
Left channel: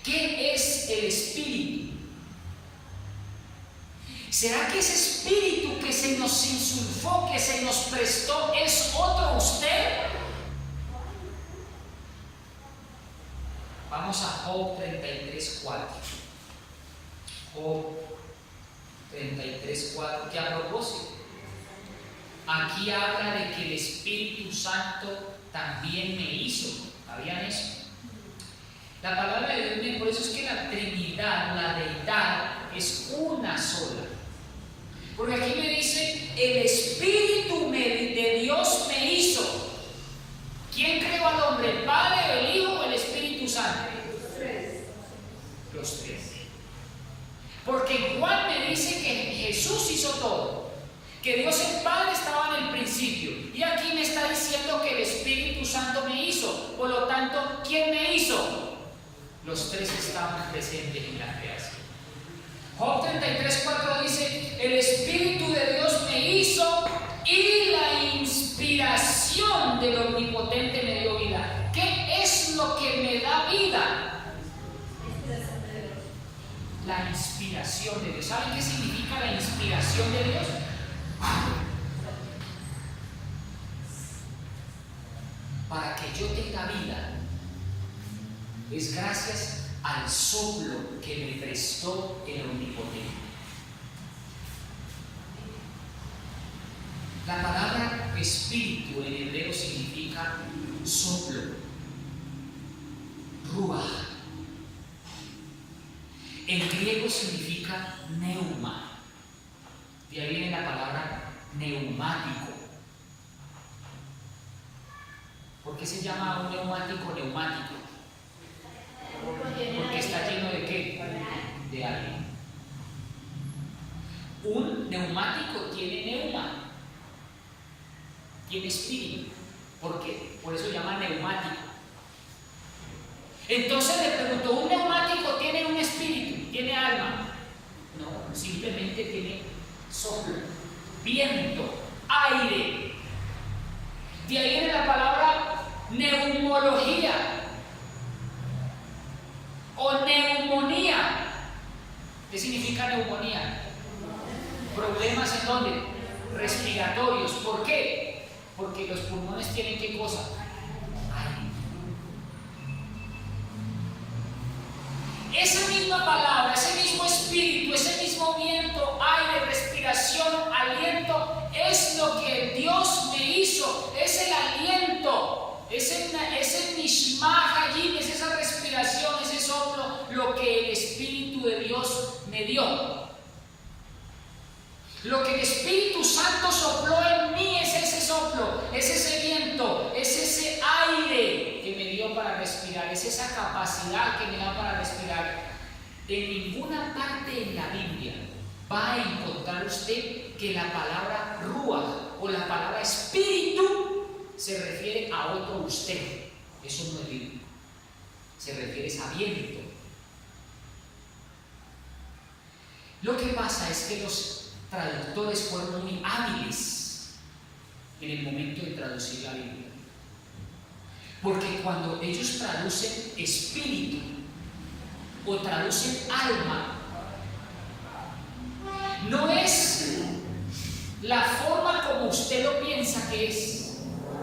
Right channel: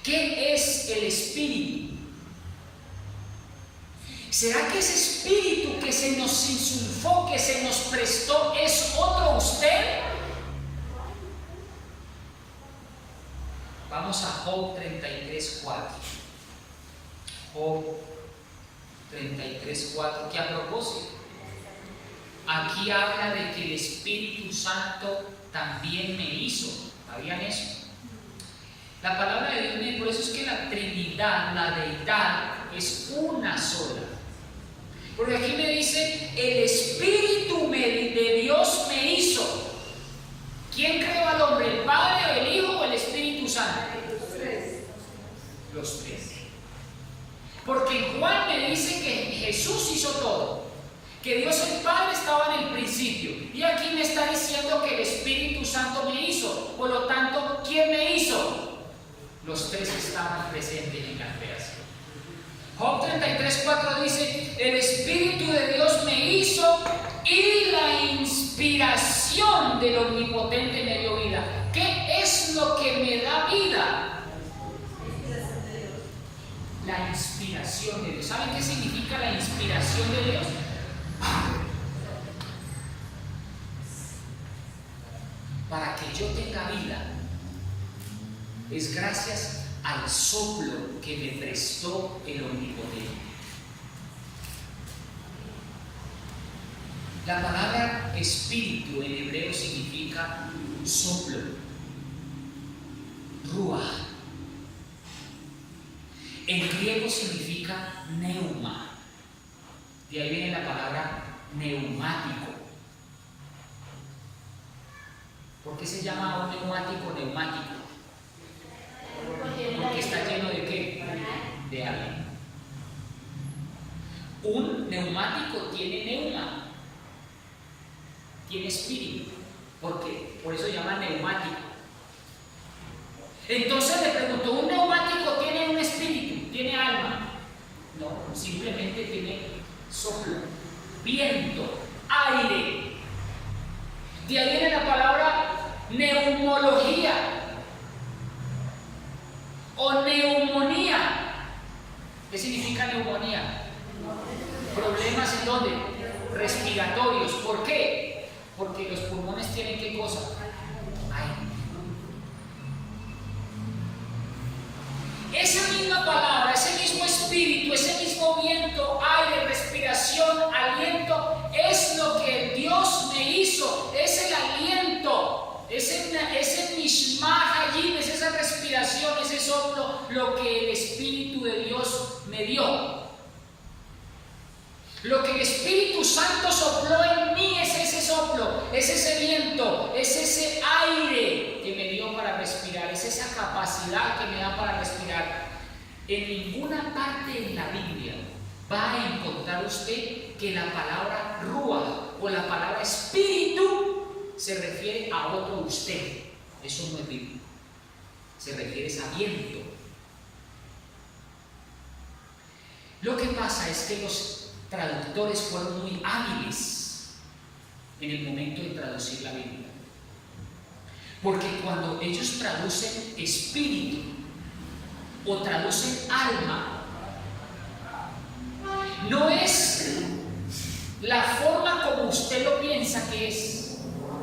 ¿Qué es el espíritu? ¿Será que ese espíritu que se nos insulfó, que se nos prestó, es otro usted? Vamos a Job 33:4. Job 33:4, que a propósito, aquí habla de que el Espíritu Santo también me hizo. ¿Sabían eso? La palabra de Dios, por eso es que la Trinidad, la deidad, es una sola. Porque aquí me dice, el Espíritu de Dios me hizo. ¿Quién creó al hombre? ¿El Padre, o el Hijo, o el Espíritu Santo? Los tres. Porque en Juan me dice que Jesús hizo todo, que Dios el Padre estaba en el principio, y aquí me está diciendo que el Espíritu Santo me hizo. Por lo tanto, ¿quién me hizo? Los tres estaban presentes en la creación. Job 33:4 dice: el Espíritu de Dios me hizo y la inspiración del Omnipotente me dio vida. ¿Qué es lo que me da vida? La inspiración de Dios. ¿Saben qué significa la inspiración de Dios? Para que yo tenga vida, es gracias al soplo que me prestó el Omnipotente. La palabra espíritu en hebreo significa soplo, ruach. En griego significa neuma. De ahí viene la palabra neumático. ¿Por qué se llama un neumático neumático? de alguien. Un neumático tiene neuma, tiene espíritu. ¿Por qué? Por eso se llama neumático. Entonces le pregunto, ¿un neumático tiene un espíritu? ¿Tiene alma? No, simplemente tiene soplo, viento, aire. De ahí viene la palabra neumología o neumonía. ¿Qué significa neumonía? Problemas en dónde? Respiratorios. ¿Por qué? Porque los pulmones tienen ¿qué cosa? Aire. Esa misma palabra, ese mismo espíritu, ese mismo viento, aire, respiración, aliento, es lo que Dios me hizo, es el aliento, ese mishmah allí, es esa respiración, ese soplo, lo que el Espíritu de Dios me dio. Lo que el Espíritu Santo sopló en mí es ese soplo, es ese viento, es ese aire que me dio para respirar, es esa capacidad que me da para respirar. En ninguna parte en la Biblia va a encontrar usted que la palabra ruach o la palabra espíritu se refiere a otro usted. Eso no es bíblico. Se refiere a viento. Lo que pasa es que los traductores fueron muy hábiles en el momento de traducir la Biblia, porque cuando ellos traducen espíritu o traducen alma, no es la forma como usted lo piensa que es,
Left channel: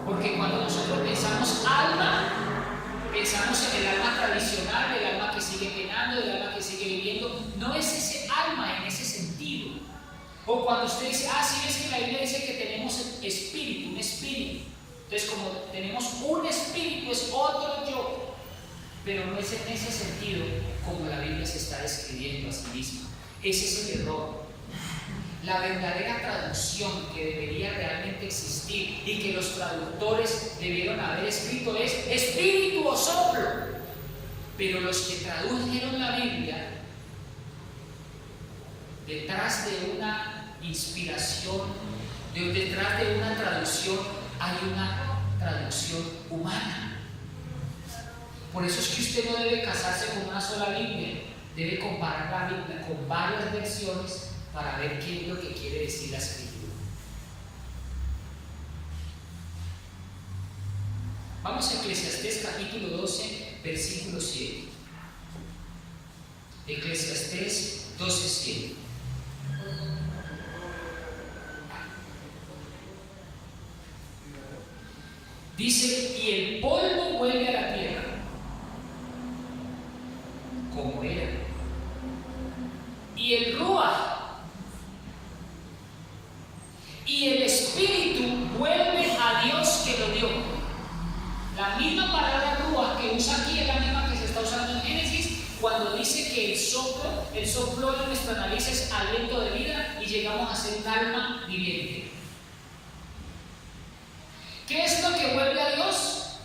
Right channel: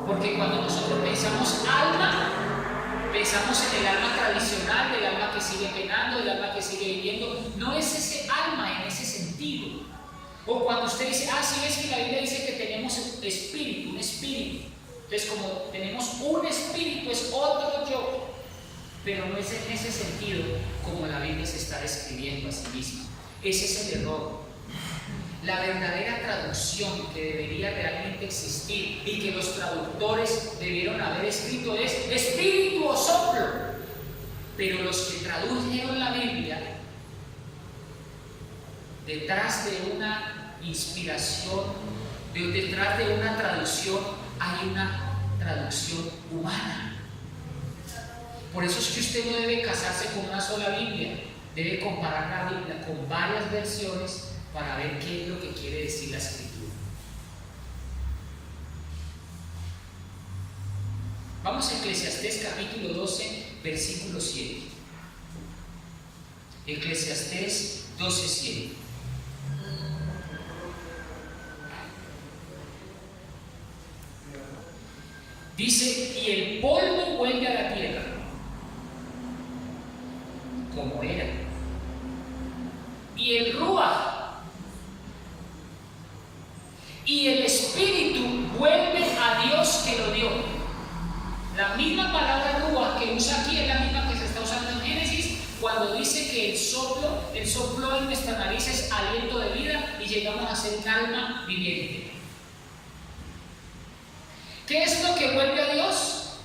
porque cuando nosotros pensamos alma, pensamos en el alma tradicional, el alma que sigue penando, el alma que sigue viviendo. No es ese alma en ese sentido. O cuando usted dice, sí ves que la Biblia dice que tenemos espíritu, un espíritu. Entonces, como tenemos un espíritu, es otro yo. Pero no es en ese sentido como la Biblia se está describiendo a sí misma. Ese es el error. La verdadera traducción que debería realmente existir y que los traductores debieron haber escrito es espíritu o soplo. Pero los que tradujeron la Biblia, detrás de una inspiración, detrás de una traducción, hay una traducción humana. Por eso es que usted no debe casarse con una sola Biblia, debe comparar la Biblia con varias versiones para ver qué es lo que quiere decir la Escritura. Vamos a Eclesiastés capítulo 12, versículo 7. Eclesiastés 12, 7. Dice, y el polvo vuelve a la tierra, como era. Y el ruach y el espíritu vuelve a Dios que lo dio. La misma palabra ruach que usa aquí es la misma que se está usando en Génesis, cuando dice que el soplo en nuestra nariz es aliento de vida y llegamos a ser un alma viviente. ¿Qué es lo que vuelve a Dios?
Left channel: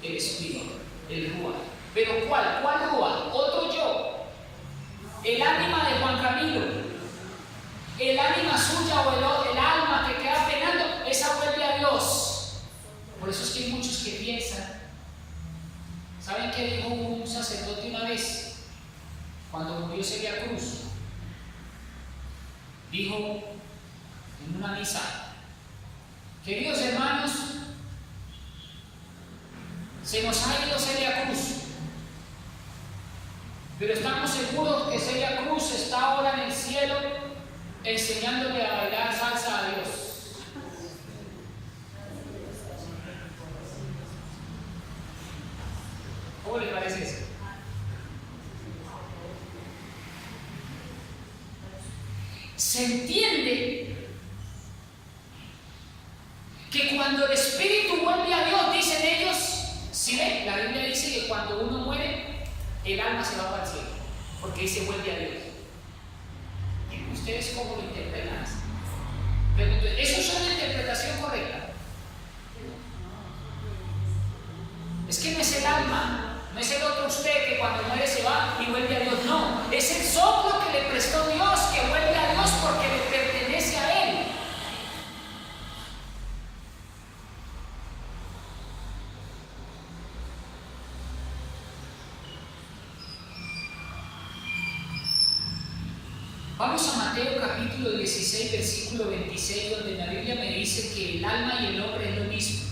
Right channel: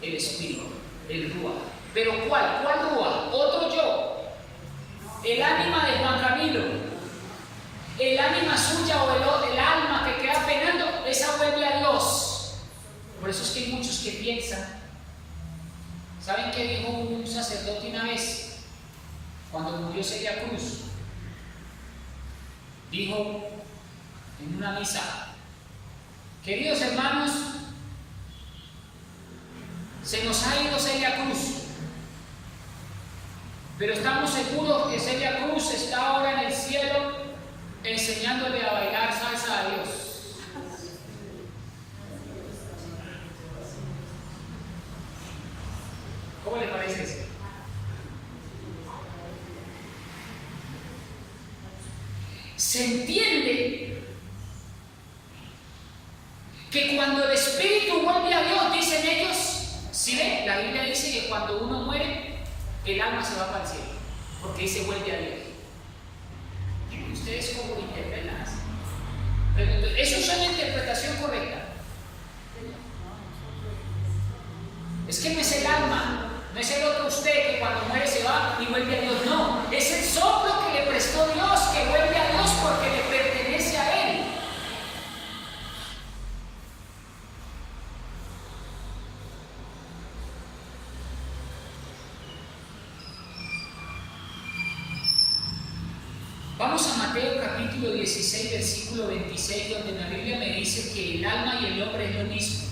El espíritu, el ruach. ¿Pero cuál? ¿Cuál ruach? Otro yo. El ánima de Juan Camilo. El ánima suya o el alma que queda penando, esa vuelve a Dios. Por eso es que hay muchos que piensan. ¿Saben qué dijo un sacerdote una vez? Cuando murió Celia Cruz. Dijo en una misa: queridos hermanos, se nos ha ido Celia Cruz, pero estamos seguros que Celia Cruz está ahora en el cielo enseñándole a bailar salsa a Dios. ¿Cómo le parece eso? Se entiende que cuando el espíritu vuelve a Dios, dicen ellos, ¿sí ven? La Biblia dice que cuando uno muere, el alma se va para el cielo, porque ahí se vuelve a Dios. ¿Y ustedes cómo lo interpretan? Pregunto, ¿eso es una interpretación correcta? Es que no es el alma, no es el otro usted que cuando muere se va y vuelve a Dios, no, es el capítulo 16, versículo 26, donde la Biblia me dice que el alma y el hombre es lo mismo.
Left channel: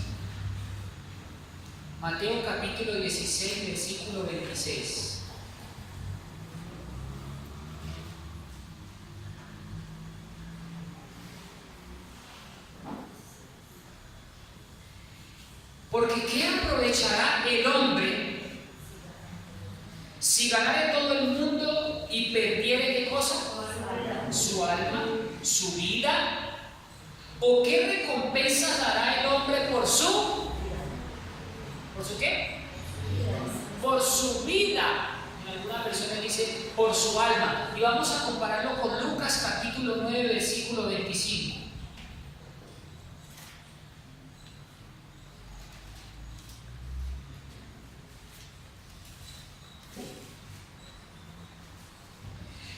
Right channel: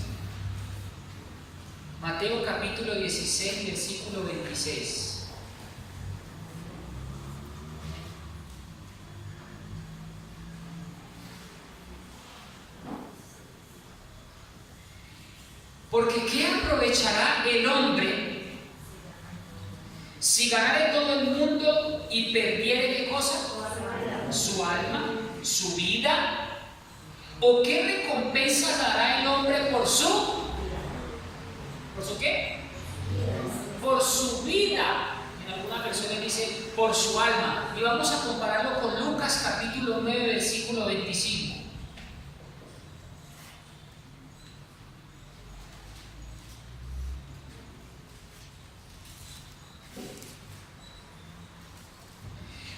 Mateo capítulo 16, versículo 26. Porque ¿qué aprovechará el hombre si ganare todo el mundo y perdiere qué cosa? Su alma, su vida. ¿O qué recompensa dará el hombre por su? ¿Por su qué? Por su vida. En algunas versiones dice por su alma. Y vamos a compararlo con Lucas capítulo 9, versículo 25.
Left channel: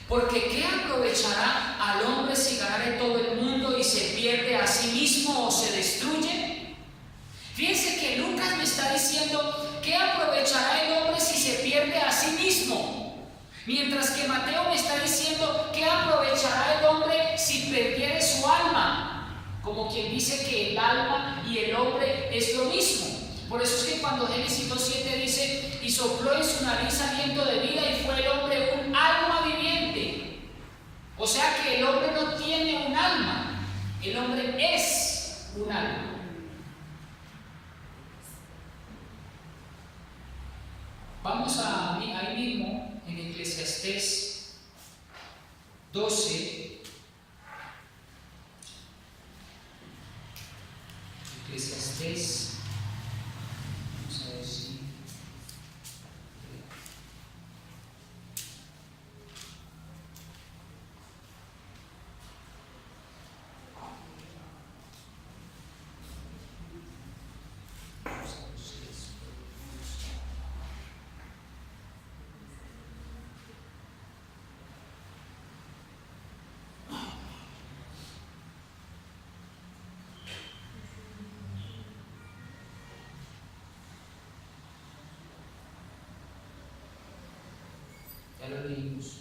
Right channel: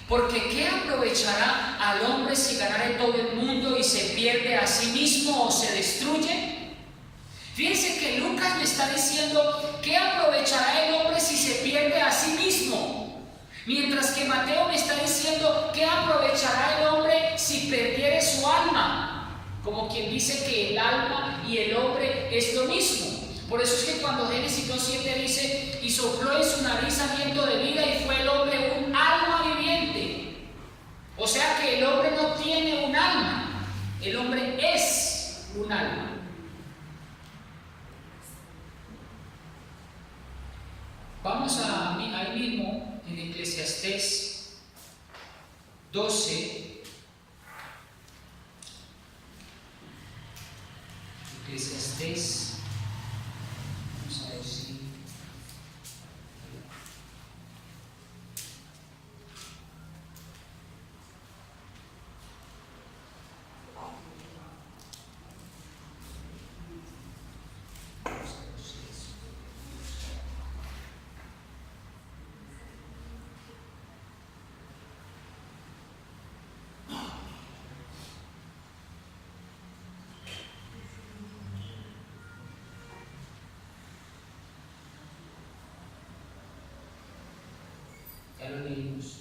Porque ¿qué aprovechará al hombre si ganare todo el mundo y se pierde a sí mismo o se destruye? Fíjense que Lucas me está diciendo ¿qué aprovechará el hombre si se pierde a sí mismo? Mientras que Mateo me está diciendo ¿qué aprovechará el hombre si perdiere su alma? Como quien dice que el alma y el hombre es lo mismo. Por eso es que cuando Génesis 2:7 dice y sopló en su nariz aliento de vida y fue el hombre un alma viviente. O sea que el hombre no tiene un alma, el hombre es un alma. Vamos ahí mismo en Eclesiastés 12. Eclesiastés. Ya lo leímos.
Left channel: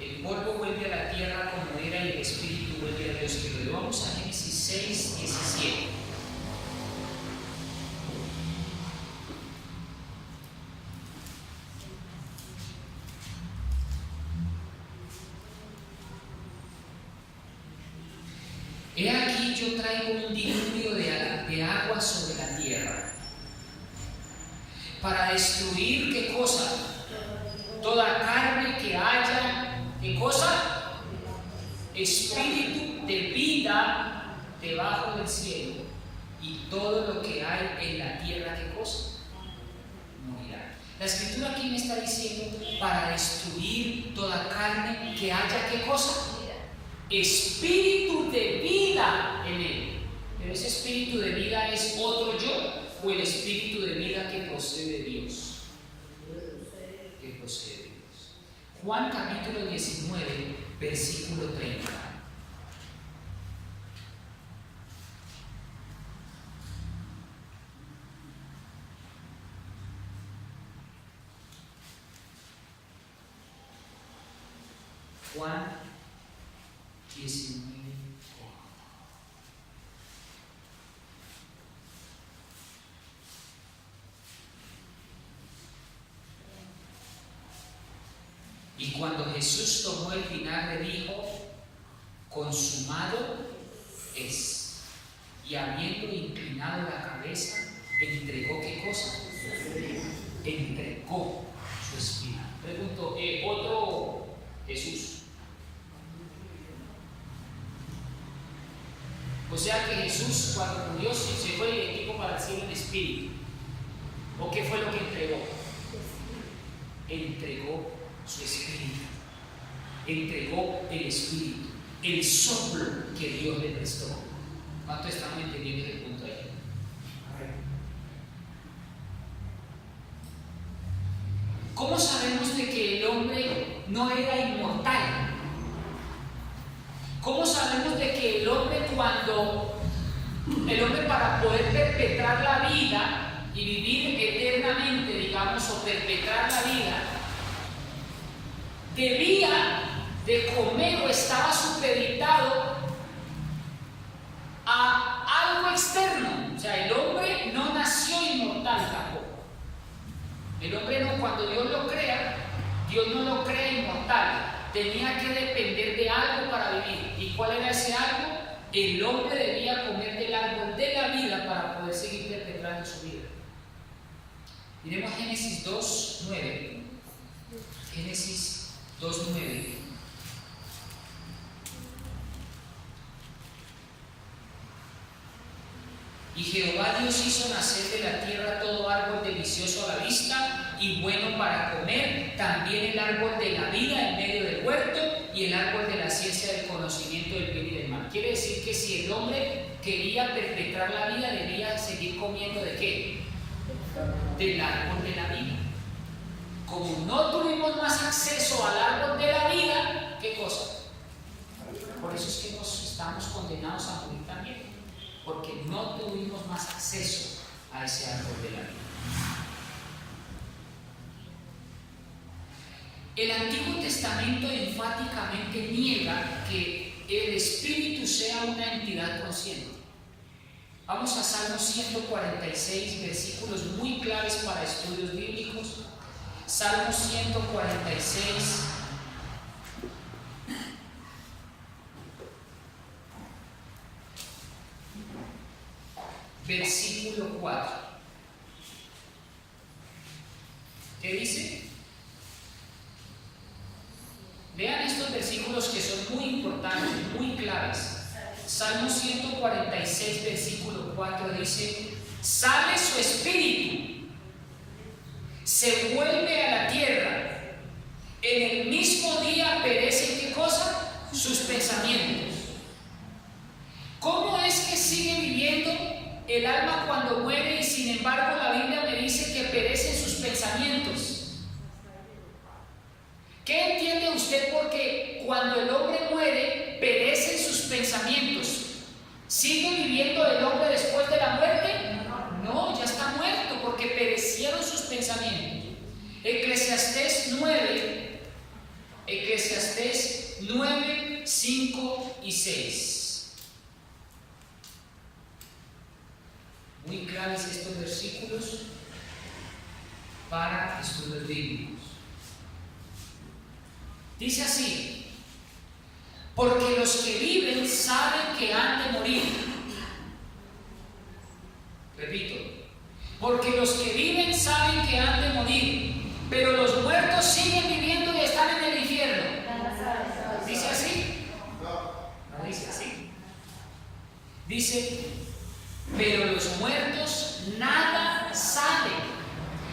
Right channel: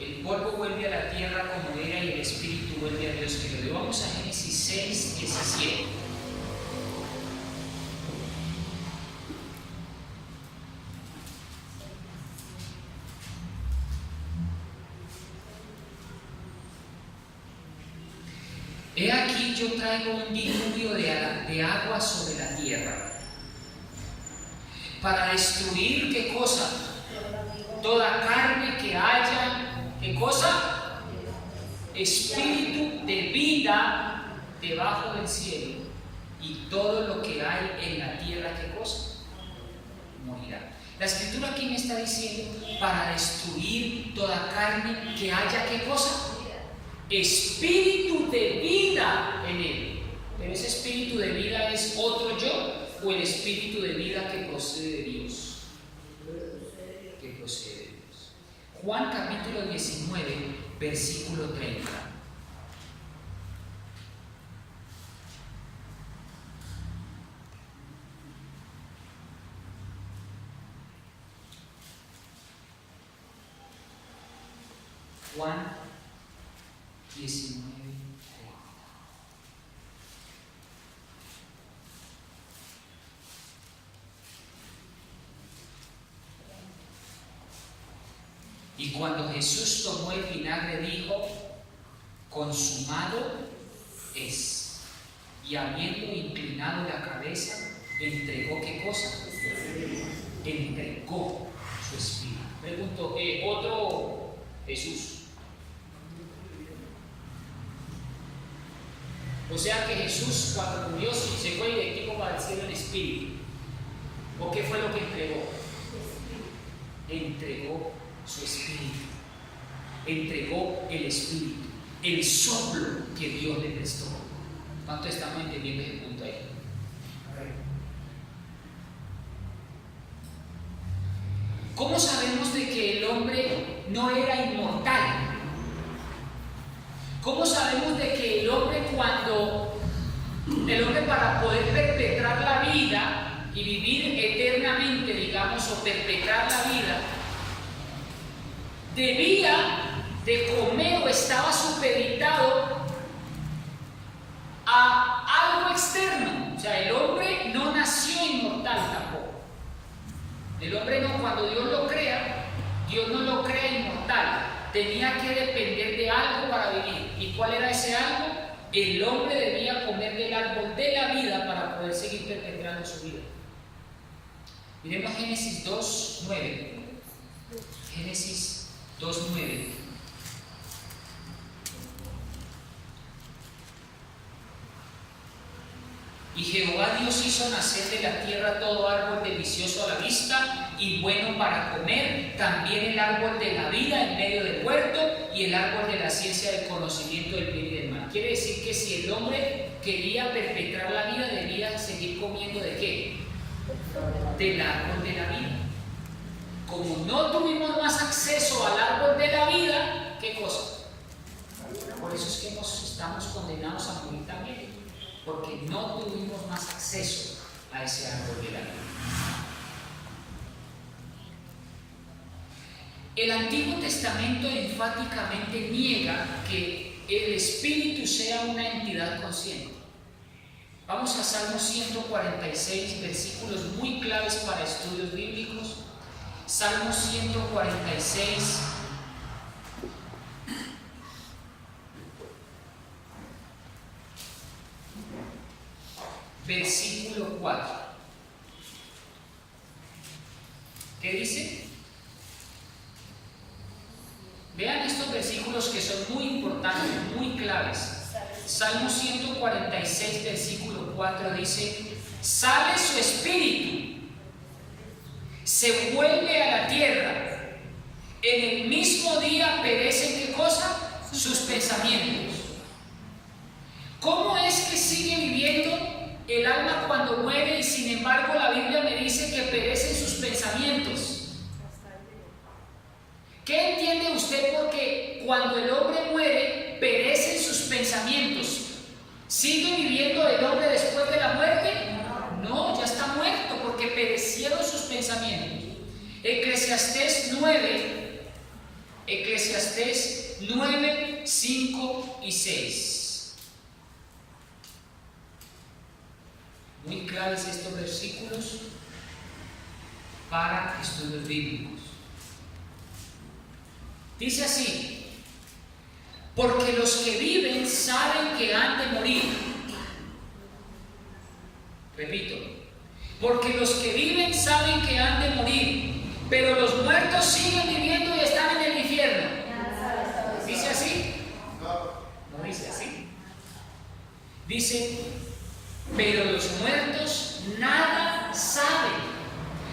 El polvo vuelve a la tierra como era y el espíritu vuelve a Dios que lo dio. Vamos a Génesis 6, 17. He aquí yo traigo un diluvio de agua sobre la tierra para destruir ¿qué cosa? Toda carne que haya. ¿Qué cosa? Espíritu de vida debajo del cielo, y todo lo que hay en la tierra, ¿qué cosa? Morirá. La escritura aquí me está diciendo para destruir toda carne que haya ¿qué cosa? Espíritu de vida en él. Pero ese espíritu de vida es otro yo o el espíritu de vida que procede de Dios. Que procede de Dios. Juan capítulo 19, versículo 30. Juan 19. Y cuando Jesús tomó el vinagre dijo, consumado es. Y habiendo inclinado la cabeza, entregó ¿qué cosa? Entregó su espíritu. Pregunto, otro Jesús. O sea que Jesús cuando murió se fue directivo para el cielo en espíritu. ¿O qué fue lo que entregó? Entregó su espíritu. Entregó el espíritu, el soplo que Dios le prestó. ¿Cuánto estamos entendiendo ese punto ahí? ¿Cómo sabemos de que el hombre no era inmortal? ¿Cómo sabemos de que el hombre para poder perpetrar la vida y vivir eternamente, digamos, o perpetrar la vida, debía de comer o estaba supeditado a algo externo? O sea, el hombre no nació inmortal tampoco. El hombre no, cuando Dios lo crea, Dios no lo crea inmortal. Tenía que depender de algo para vivir. ¿Y cuál era ese algo? El hombre debía comer del árbol de la vida para poder seguir perpetrando su vida. Miremos Génesis 2:9. Génesis 2:9. Y Jehová Dios hizo nacer de la tierra todo árbol delicioso a la vista y bueno para comer, también el árbol de la vida en medio del huerto y el árbol de la ciencia del conocimiento del bien y del mal. Quiere decir que si el hombre quería perpetrar la vida, debía seguir comiendo ¿de qué? Del árbol de la vida. Como no tuvimos más acceso al árbol de la vida, ¿qué cosa? Por eso es que estamos condenados a morir también, porque no tuvimos más acceso a ese árbol de la vida. El Antiguo Testamento enfáticamente niega que el Espíritu sea una entidad consciente. Vamos a Salmo 146, versículos muy claves para estudios bíblicos. Salmo 146, versículo 4. ¿Qué dice? Vean estos versículos que son muy importantes, muy claves. Salmo 146, versículo 4 dice: sale su espíritu, se vuelve a la tierra, en el mismo día perecen, ¿qué cosa? Sus pensamientos. ¿Cómo es que sigue viviendo el alma cuando muere y sin embargo la Biblia me dice que perecen sus pensamientos? ¿Qué entiende usted porque cuando el hombre muere perecen sus pensamientos? ¿Sigue viviendo el hombre después de la muerte? No, ya está muerto porque perecieron sus pensamientos. Eclesiastés 9, 5 y 6. Muy claves estos versículos para estudios bíblicos. Dice así: porque los que viven saben que han de morir. Repito, porque los que viven saben que han de morir, pero los muertos siguen viviendo y están en el infierno. ¿Dice así? No dice así. Dice: pero los muertos nada saben.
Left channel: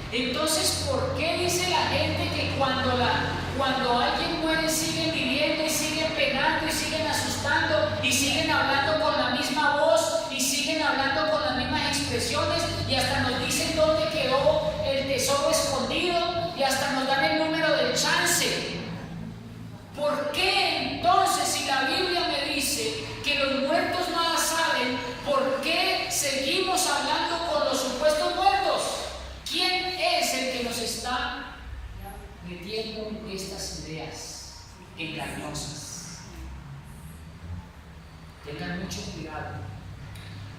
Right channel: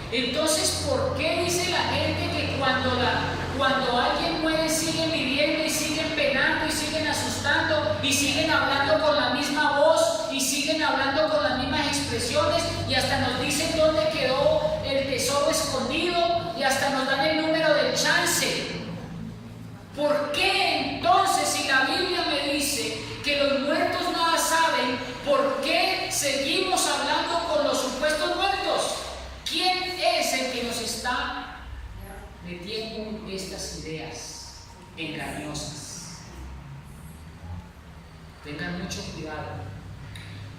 Entonces, ¿por qué dice la gente que cuando alguien muere siguen viviendo y siguen penando y siguen asustando y siguen hablando con la misma voz y siguen hablando con las mismas expresiones y hasta nos dicen dónde quedó el tesoro escondido y hasta nos dan el número del chance? ¿Por qué entonces, si la Biblia me dice que los muertos nada saben, por qué seguimos hablando con los supuestos muertos? ¿Quién es el que nos está metiendo estas ideas engañosas? Tengan mucho cuidado,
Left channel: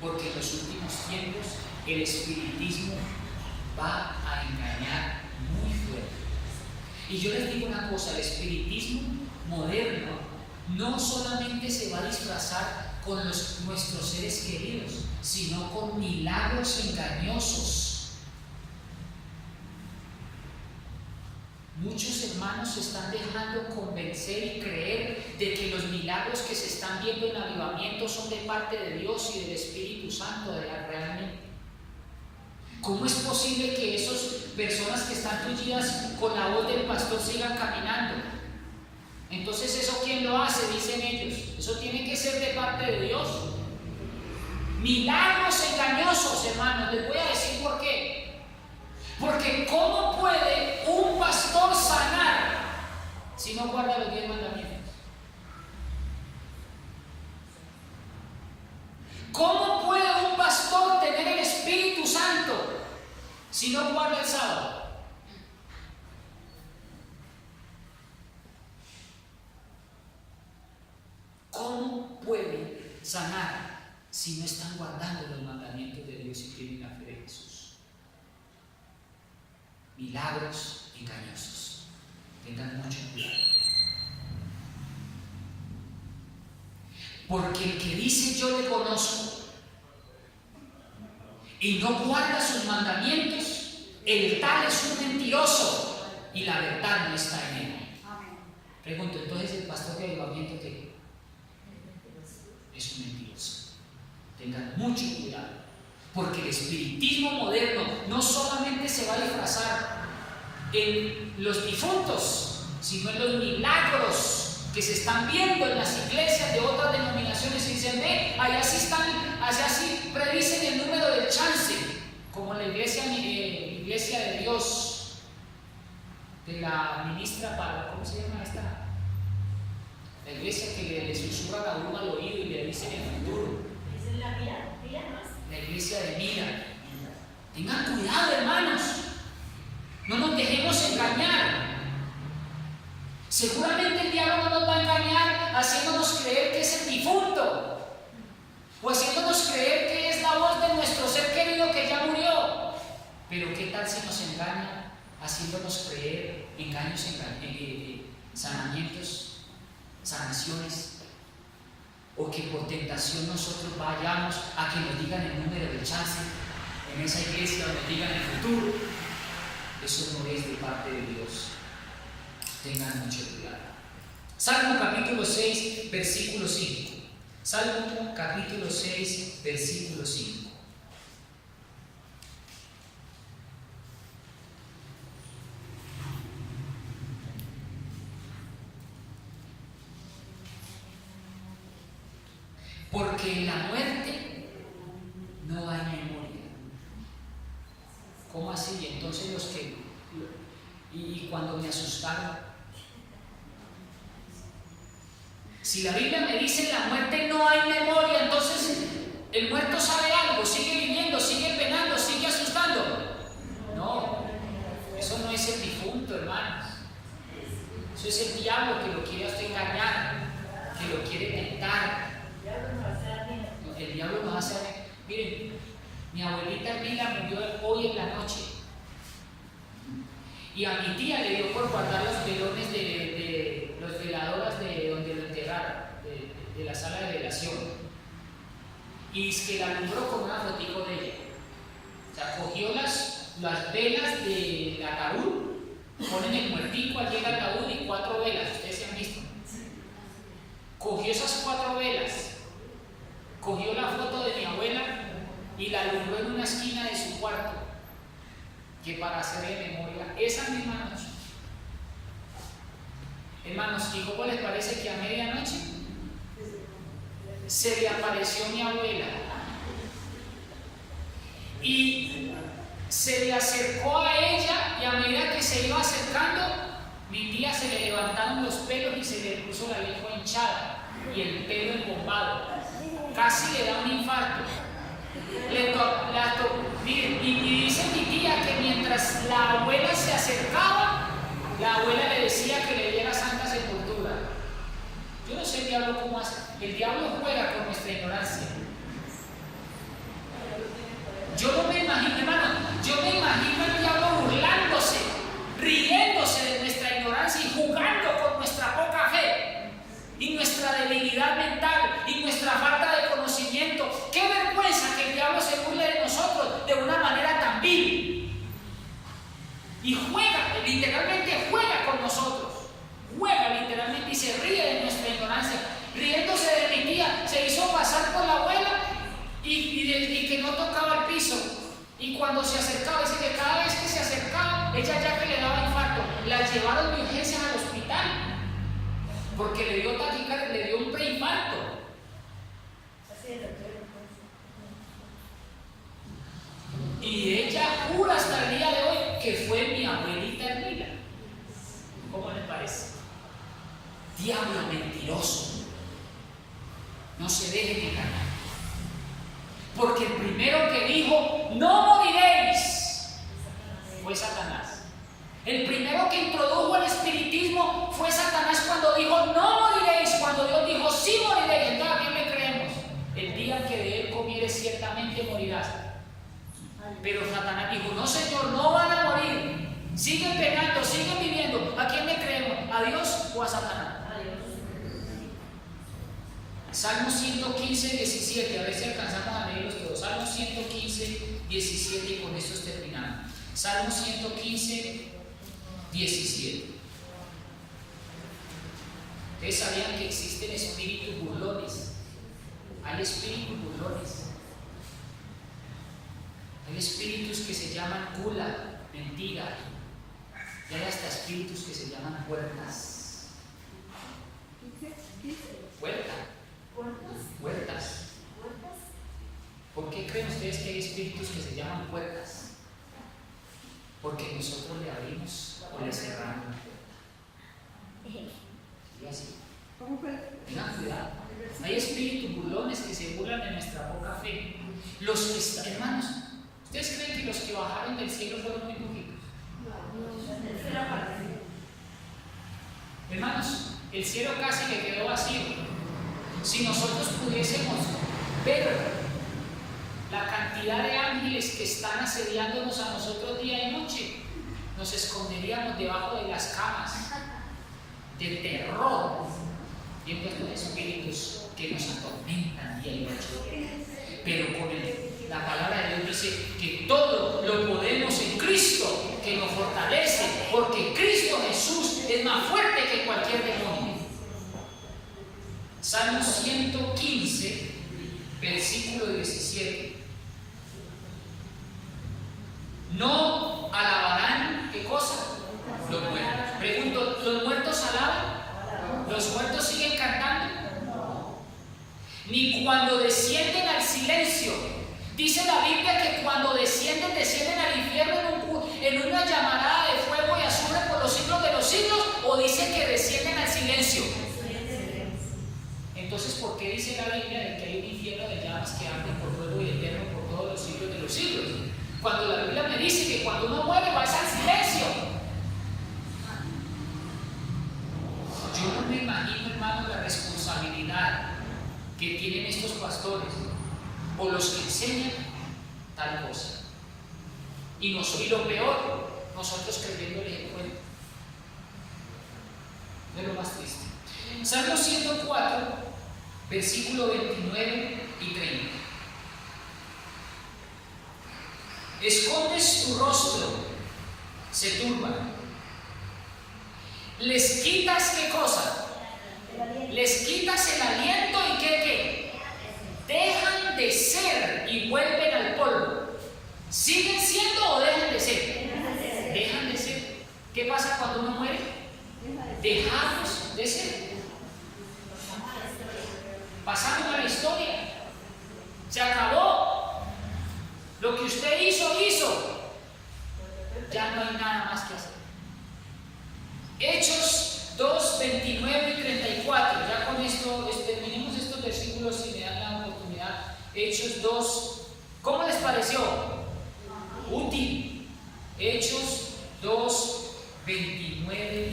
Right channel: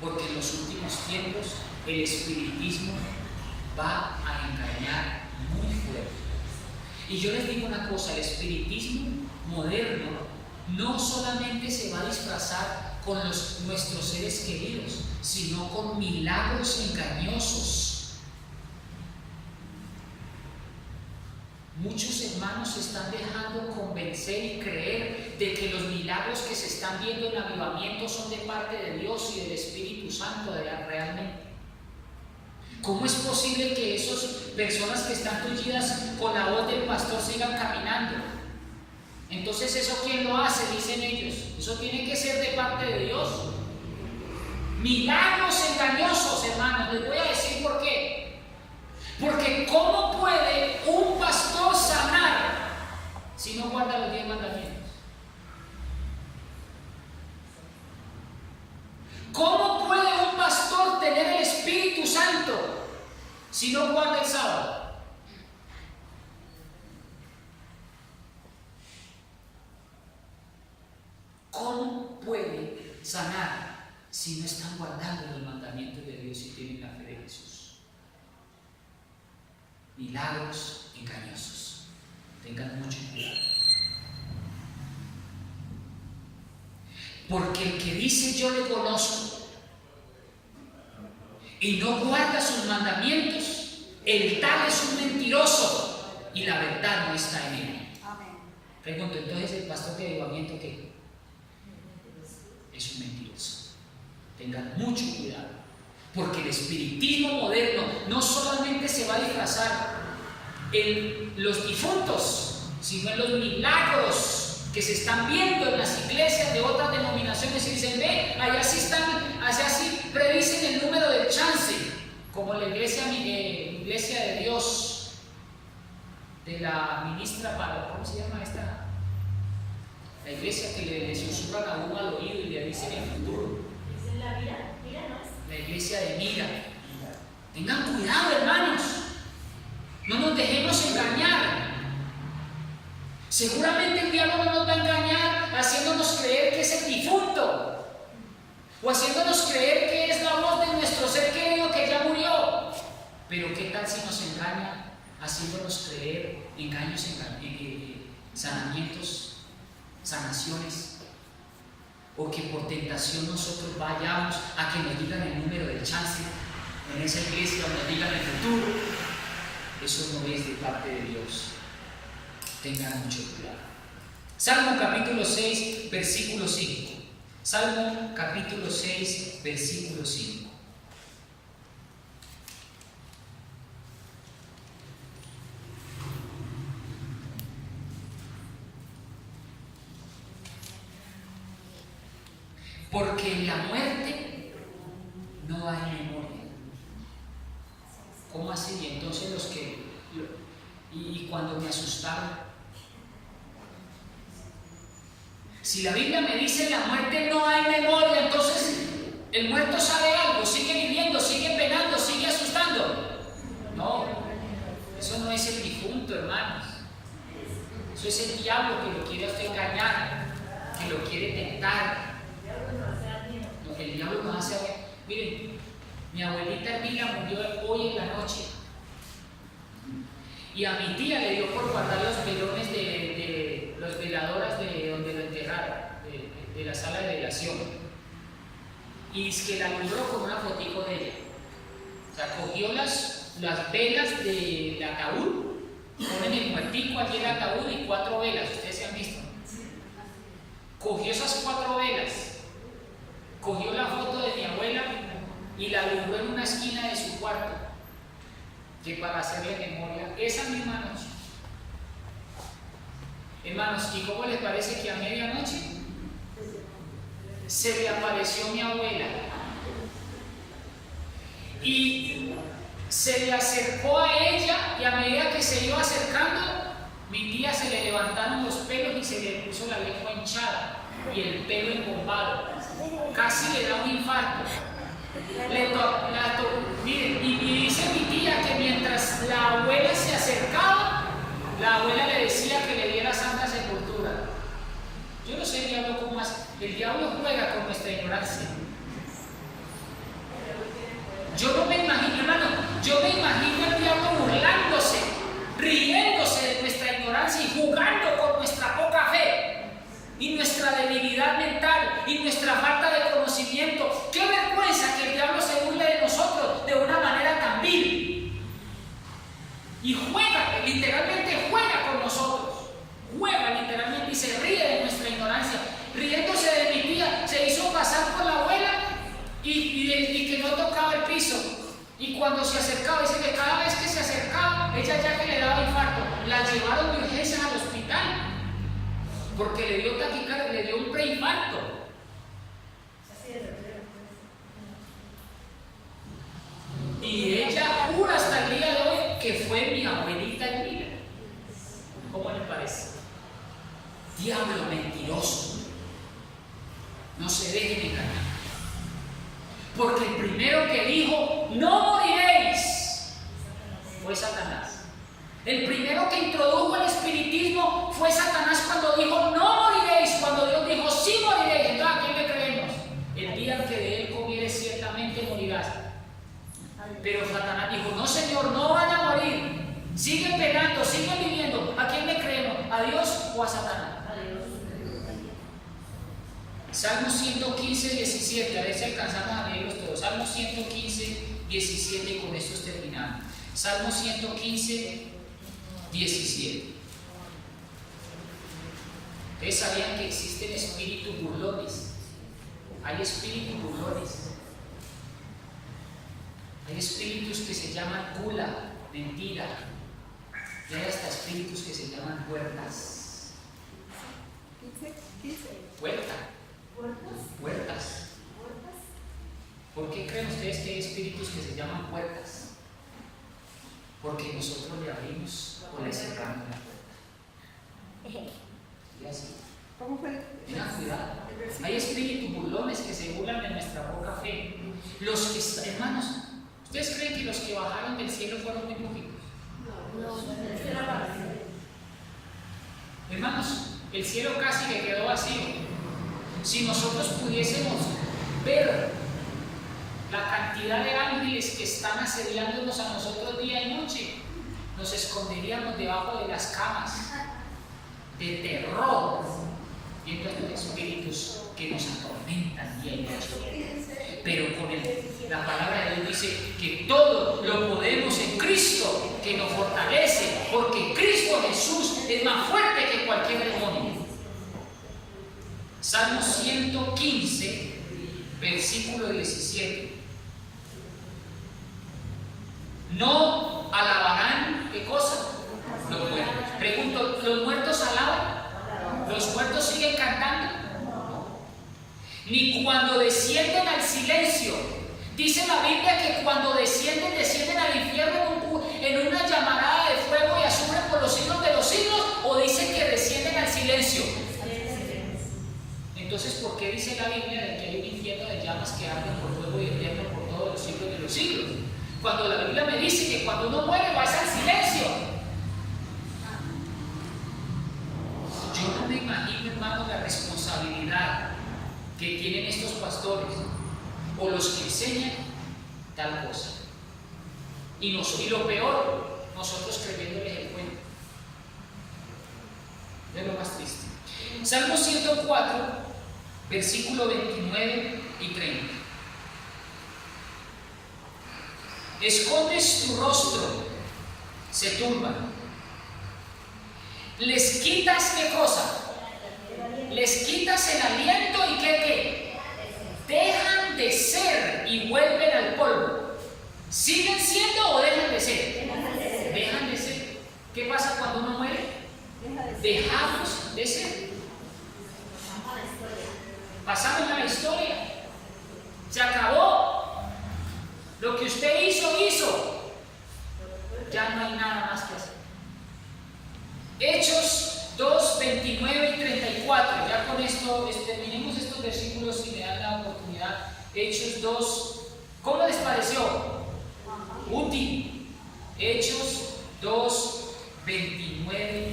porque en los últimos tiempos el espiritismo va a engañar muy fuerte. Y yo les digo una cosa: el espiritismo moderno no solamente se va a disfrazar con nuestros seres queridos, sino con milagros engañosos. Muchos hermanos se están dejando convencer y creer de que los milagros que se están viendo en avivamiento son de parte de Dios y del Espíritu Santo realmente. ¿Cómo es posible que esas personas que están tullidas con la voz del pastor sigan caminando? Entonces, ¿eso quién lo hace? Dicen ellos. Eso tiene que ser de parte de Dios. Milagros engañosos, hermanos. Les voy a decir por qué. Porque ¿cómo puede un pastor sanar si no guarda los 10 mandamientos? ¿Cómo puede un pastor tener el Espíritu Santo si no guarda el sábado? ¿Cómo puede sanar si no están guardando los mandamientos de Dios y tienen la fe de Jesús? Milagros engañosos. Tengan mucho cuidado. Porque el que dice yo le conozco y no guarda sus mandamientos, el tal es un mentiroso y la verdad no está en él. Pregunto, entonces el pastor de avivamiento, ¿qué? Es un mentiroso. Tengan mucho cuidado, porque el espiritismo moderno no solamente se va a disfrazar en los difuntos, sino en los milagros que se están viendo en las iglesias de otras denominaciones y dicen, ve, allá sí previsen el número del chance, como la iglesia de Dios, de la ministra para, ¿cómo se llama esta? La iglesia que le susurran a uno al oído y le dicen el futuro. Es la Mira, ¿no? La iglesia de Mira. Tengan cuidado, hermanos. No nos dejemos engañar. Seguramente el diablo no nos va a engañar haciéndonos creer que es el difunto o haciéndonos creer que es la voz de nuestro ser querido que ya murió. Pero ¿qué tal si nos engaña haciéndonos creer engaños, sanamientos, sanaciones, o que por tentación nosotros vayamos a que nos digan el número de chance en esa iglesia o nos digan el futuro? Eso no es de parte de Dios. Tengan mucho cuidado. Salmo capítulo 6, versículo 5. Salmo capítulo 6, versículo 5. Porque en la muerte no hay memoria. ¿Cómo así? Y entonces los que... Y cuando me asustaron. Si la Biblia me dice en la muerte no hay memoria, entonces el muerto sabe algo, sigue viviendo, sigue penando, sigue asustando. No, eso no es el difunto, hermanos. Eso es el diablo que lo quiere a usted engañar, que lo quiere tentar. El diablo nos hace a ver. Miren, mi abuelita Elvira murió hoy en la noche. Y a mi tía le dio por guardar los velones de los veladoras de donde lo enterraron, de la sala de velación. Y es que la alumbró con una fotico de ella. O sea, cogió las velas del ataúd, ponen el muertico allí en el ataúd y 4 velas, ustedes se han visto. Cogió esas 4 velas, cogió la foto de mi abuela y la alumbró en una esquina de su cuarto, que para hacerle memoria, esas mis manos. Hermanos, ¿y cómo les parece que a medianoche se le apareció mi abuela? Y se le acercó a ella, y a medida que se iba acercando, mi tía se le levantaron los pelos y se le puso la lengua hinchada y el pelo embombado. Casi le da un infarto. Miren, y dice mi tía que mientras la abuela se acercaba, la abuela le decía que le diera santa sepultura. Yo no sé el diablo cómo hace. El diablo juega con nuestra ignorancia. Yo no me imagino, hermano, yo me imagino al diablo burlándose, riéndose de nuestra ignorancia y jugando con nuestra poca fe y nuestra debilidad mental y nuestra falta de conocimiento. Qué vergüenza que el diablo se burle de nosotros de una manera tan vil. Y juega, literalmente juega con nosotros. Juega literalmente y se ríe de nuestra ignorancia. Riéndose de mi tía, se hizo pasar por la abuela y que no tocaba el piso. Y cuando se acercaba, dice que cada vez que se acercaba, ella ya que le daba infarto, la llevaron de urgencias al hospital. Porque le dio taquicardia, le dio un preinfarto. cura hasta el día de hoy, que fue mi abuelita Elvira. ¿Cómo le parece? Diablo mentiroso. No se dejen engañar. Porque el primero que dijo, no moriréis, fue Satanás. El primero que introdujo el espiritismo fue Satanás cuando dijo, no moriréis, cuando Dios dijo, sí moriréis. Entonces, ¿a quién le creemos? El día que de él comieres, ciertamente morirás. Pero Satanás dijo, no Señor, no van a morir. Siguen pegando, siguen viviendo. ¿A quién le creemos? ¿A Dios o a Satanás? Salmo 115, 17. A ver si alcanzamos a leerlos todos. Salmo 115, 17 y con esto terminamos. Salmo 115, 17. Ustedes sabían que existen espíritus burlones. Hay espíritus burlones. Hay espíritus que se llaman gula, mentira. Y hay hasta espíritus que se llaman puertas. Puertas. ¿Por qué creen ustedes que hay espíritus que se llaman puertas? Porque nosotros le abrimos o le cerramos la puerta. Y así. Tengan cuidado. Hay espíritus burlones que se burlan de nuestra poca fe. Hermanos, ¿ustedes creen que los que bajaron del cielo fueron muy poquitos? Hermanos, el cielo casi que quedó vacío. Si nosotros pudiésemos ver la cantidad de ángeles que están asediándonos a nosotros día y noche, nos esconderíamos debajo de las camas de terror, viendo estos espíritus que nos atormentan día y noche. Pero con la palabra de Dios dice que todo lo podemos en Cristo, que nos fortalece, porque Cristo Jesús es más fuerte que cualquier demonio. Salmo 115, versículo 17. No alabarán, ¿qué cosa? Los muertos. Pregunto, ¿los muertos alaban? ¿Los muertos siguen cantando? Ni cuando descienden al silencio. Dice la Biblia que cuando descienden al infierno en una llamarada de fuego y azufre por los siglos de los siglos, o dice que descienden al silencio. Entonces, ¿por qué dice la Biblia de que hay un infierno de llamas que arden por fuego y eterno por todos los siglos de los siglos? Cuando la Biblia me dice que cuando uno muere va al silencio. Yo no me imagino, hermano, la responsabilidad que tienen estos pastores o los que enseñan tal cosa. Y lo peor, nosotros creyéndoles el cuento. Es lo más triste. Salmo 104, versículo 29 y 30. Escondes tu rostro, se turban. Les quitas ¿qué cosa? Les quitas el aliento y ¿qué? Dejan de ser y vuelven al polvo. ¿Siguen siendo o dejan de ser? Dejan de ser. ¿Qué pasa cuando uno muere? Dejamos de ser. Pasamos a la historia. Se acabó. Lo que usted hizo. Ya no hay nada más que hacer. Hechos 2, 29 y 34. Ya con esto terminemos estos versículos si me dan la oportunidad. Hechos 2. ¿Cómo les pareció? Útil. Hechos 2, 29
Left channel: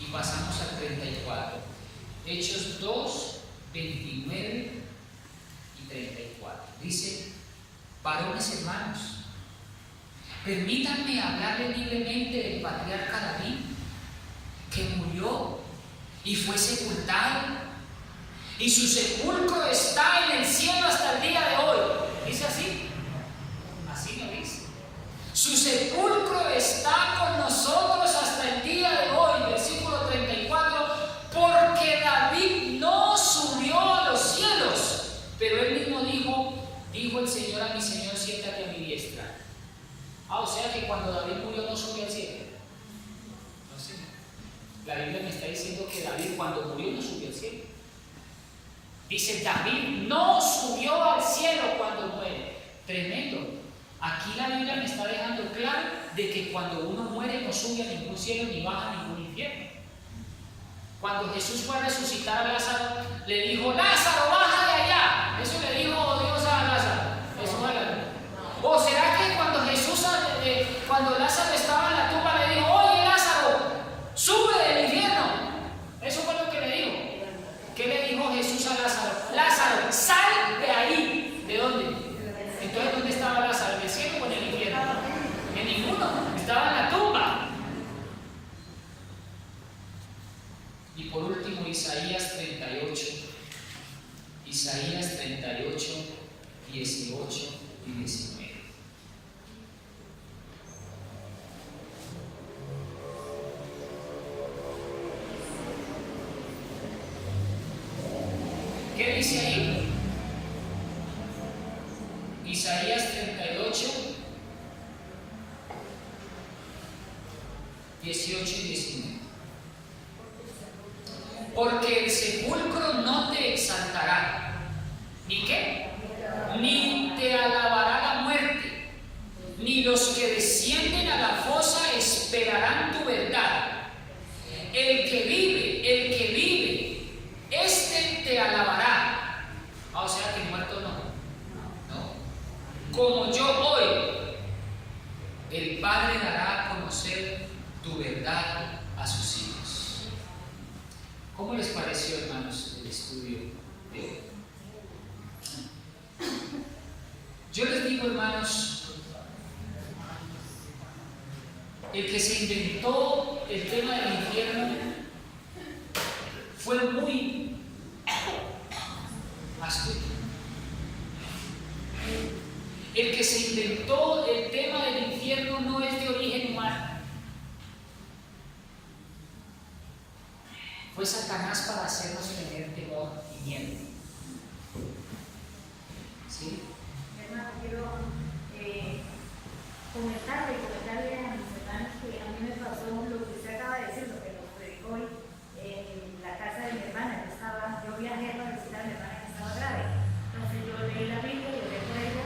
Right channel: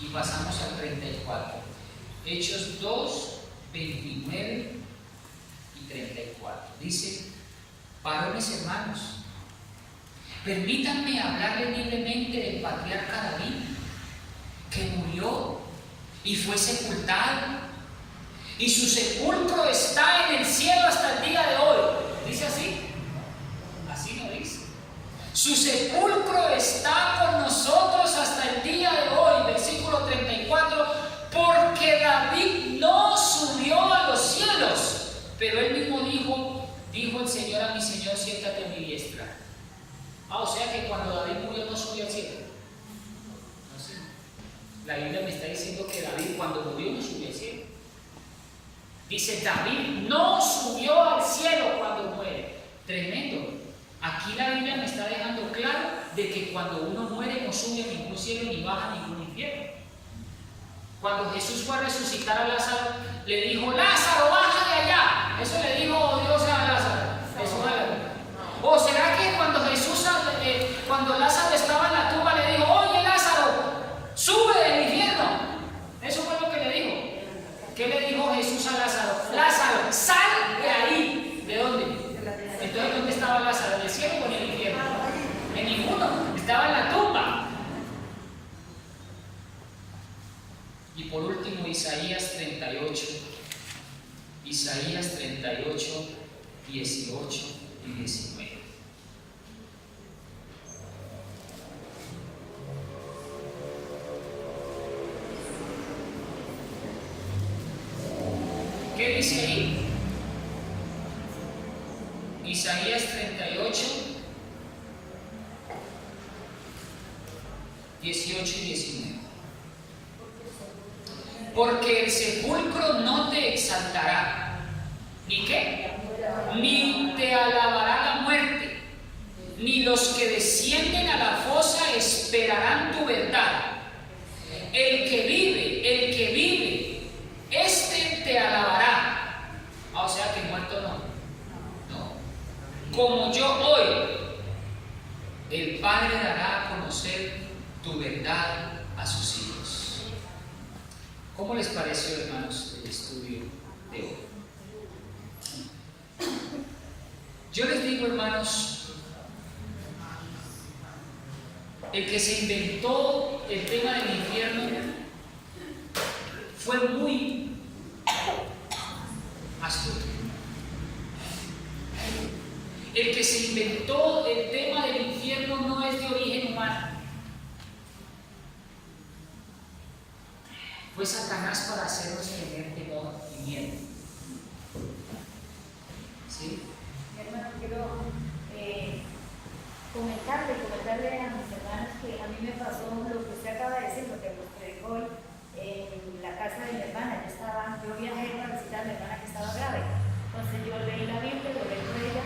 y pasamos al 34. Hechos 2, 29 y 34. Dice: varones hermanos, permítanme hablarle libremente del patriarca David, que murió y fue sepultado, y su sepulcro está en el cielo hasta el día de hoy. ¿Dice así? Así no dice. Su sepulcro está con nosotros hasta el día de hoy. Versículo 34. Porque David no subió a los cielos, pero él mismo dijo el Señor a mi Señor: siéntate a mi diestra. O sea que cuando David murió no subió al cielo. No sé. La Biblia me está diciendo que David cuando murió no subió al cielo. Dice: David no subió al cielo cuando muere. Tremendo. Aquí la Biblia me está dejando de que cuando uno muere no sube a ningún cielo ni baja a ningún infierno. Cuando Jesús fue a resucitar a Lázaro, le dijo: Lázaro, baja de allá. Eso le dijo Dios a Lázaro. ¿O será que cuando Jesús, cuando Lázaro estaba en la tumba, le dijo: oye Lázaro, sube del infierno? Eso fue lo que le dijo. ¿Qué le dijo Jesús a Lázaro? Lázaro, sal de ahí. ¿De dónde? Entonces, ¿dónde estaba Lázaro? ¿En el cielo o en el infierno? En ninguno. Estaba en la tumba. Y por último, Isaías 38. Isaías 38, 18 y 19. ¿Qué dice ahí? Isaías 38, 18 y 19. Porque el sepulcro no te exaltará, ¿ni qué? Ni te alabará la muerte, ni los que descienden a la fosa esperarán tu verdad. El que vive, este te alabará. O sea que muerto no. Como yo hoy, el Padre dará a conocer tu verdad a sus hijos. ¿Cómo les pareció, hermanos, el estudio de hoy? Yo les digo, hermanos, el que se inventó el tema del infierno fue muy astuto. El que se inventó el tema del infierno no es de origen humano. Fue Satanás para hacernos tener temor y miedo. ¿Sí? Hermano, quiero comentarle a mis hermanos que a mí me pasó lo que usted acaba de decir, lo que nos predicó hoy en la casa de mi hermana. Yo viajé para visitar a mi hermana que estaba grave. Entonces yo leí la Biblia, oré por ella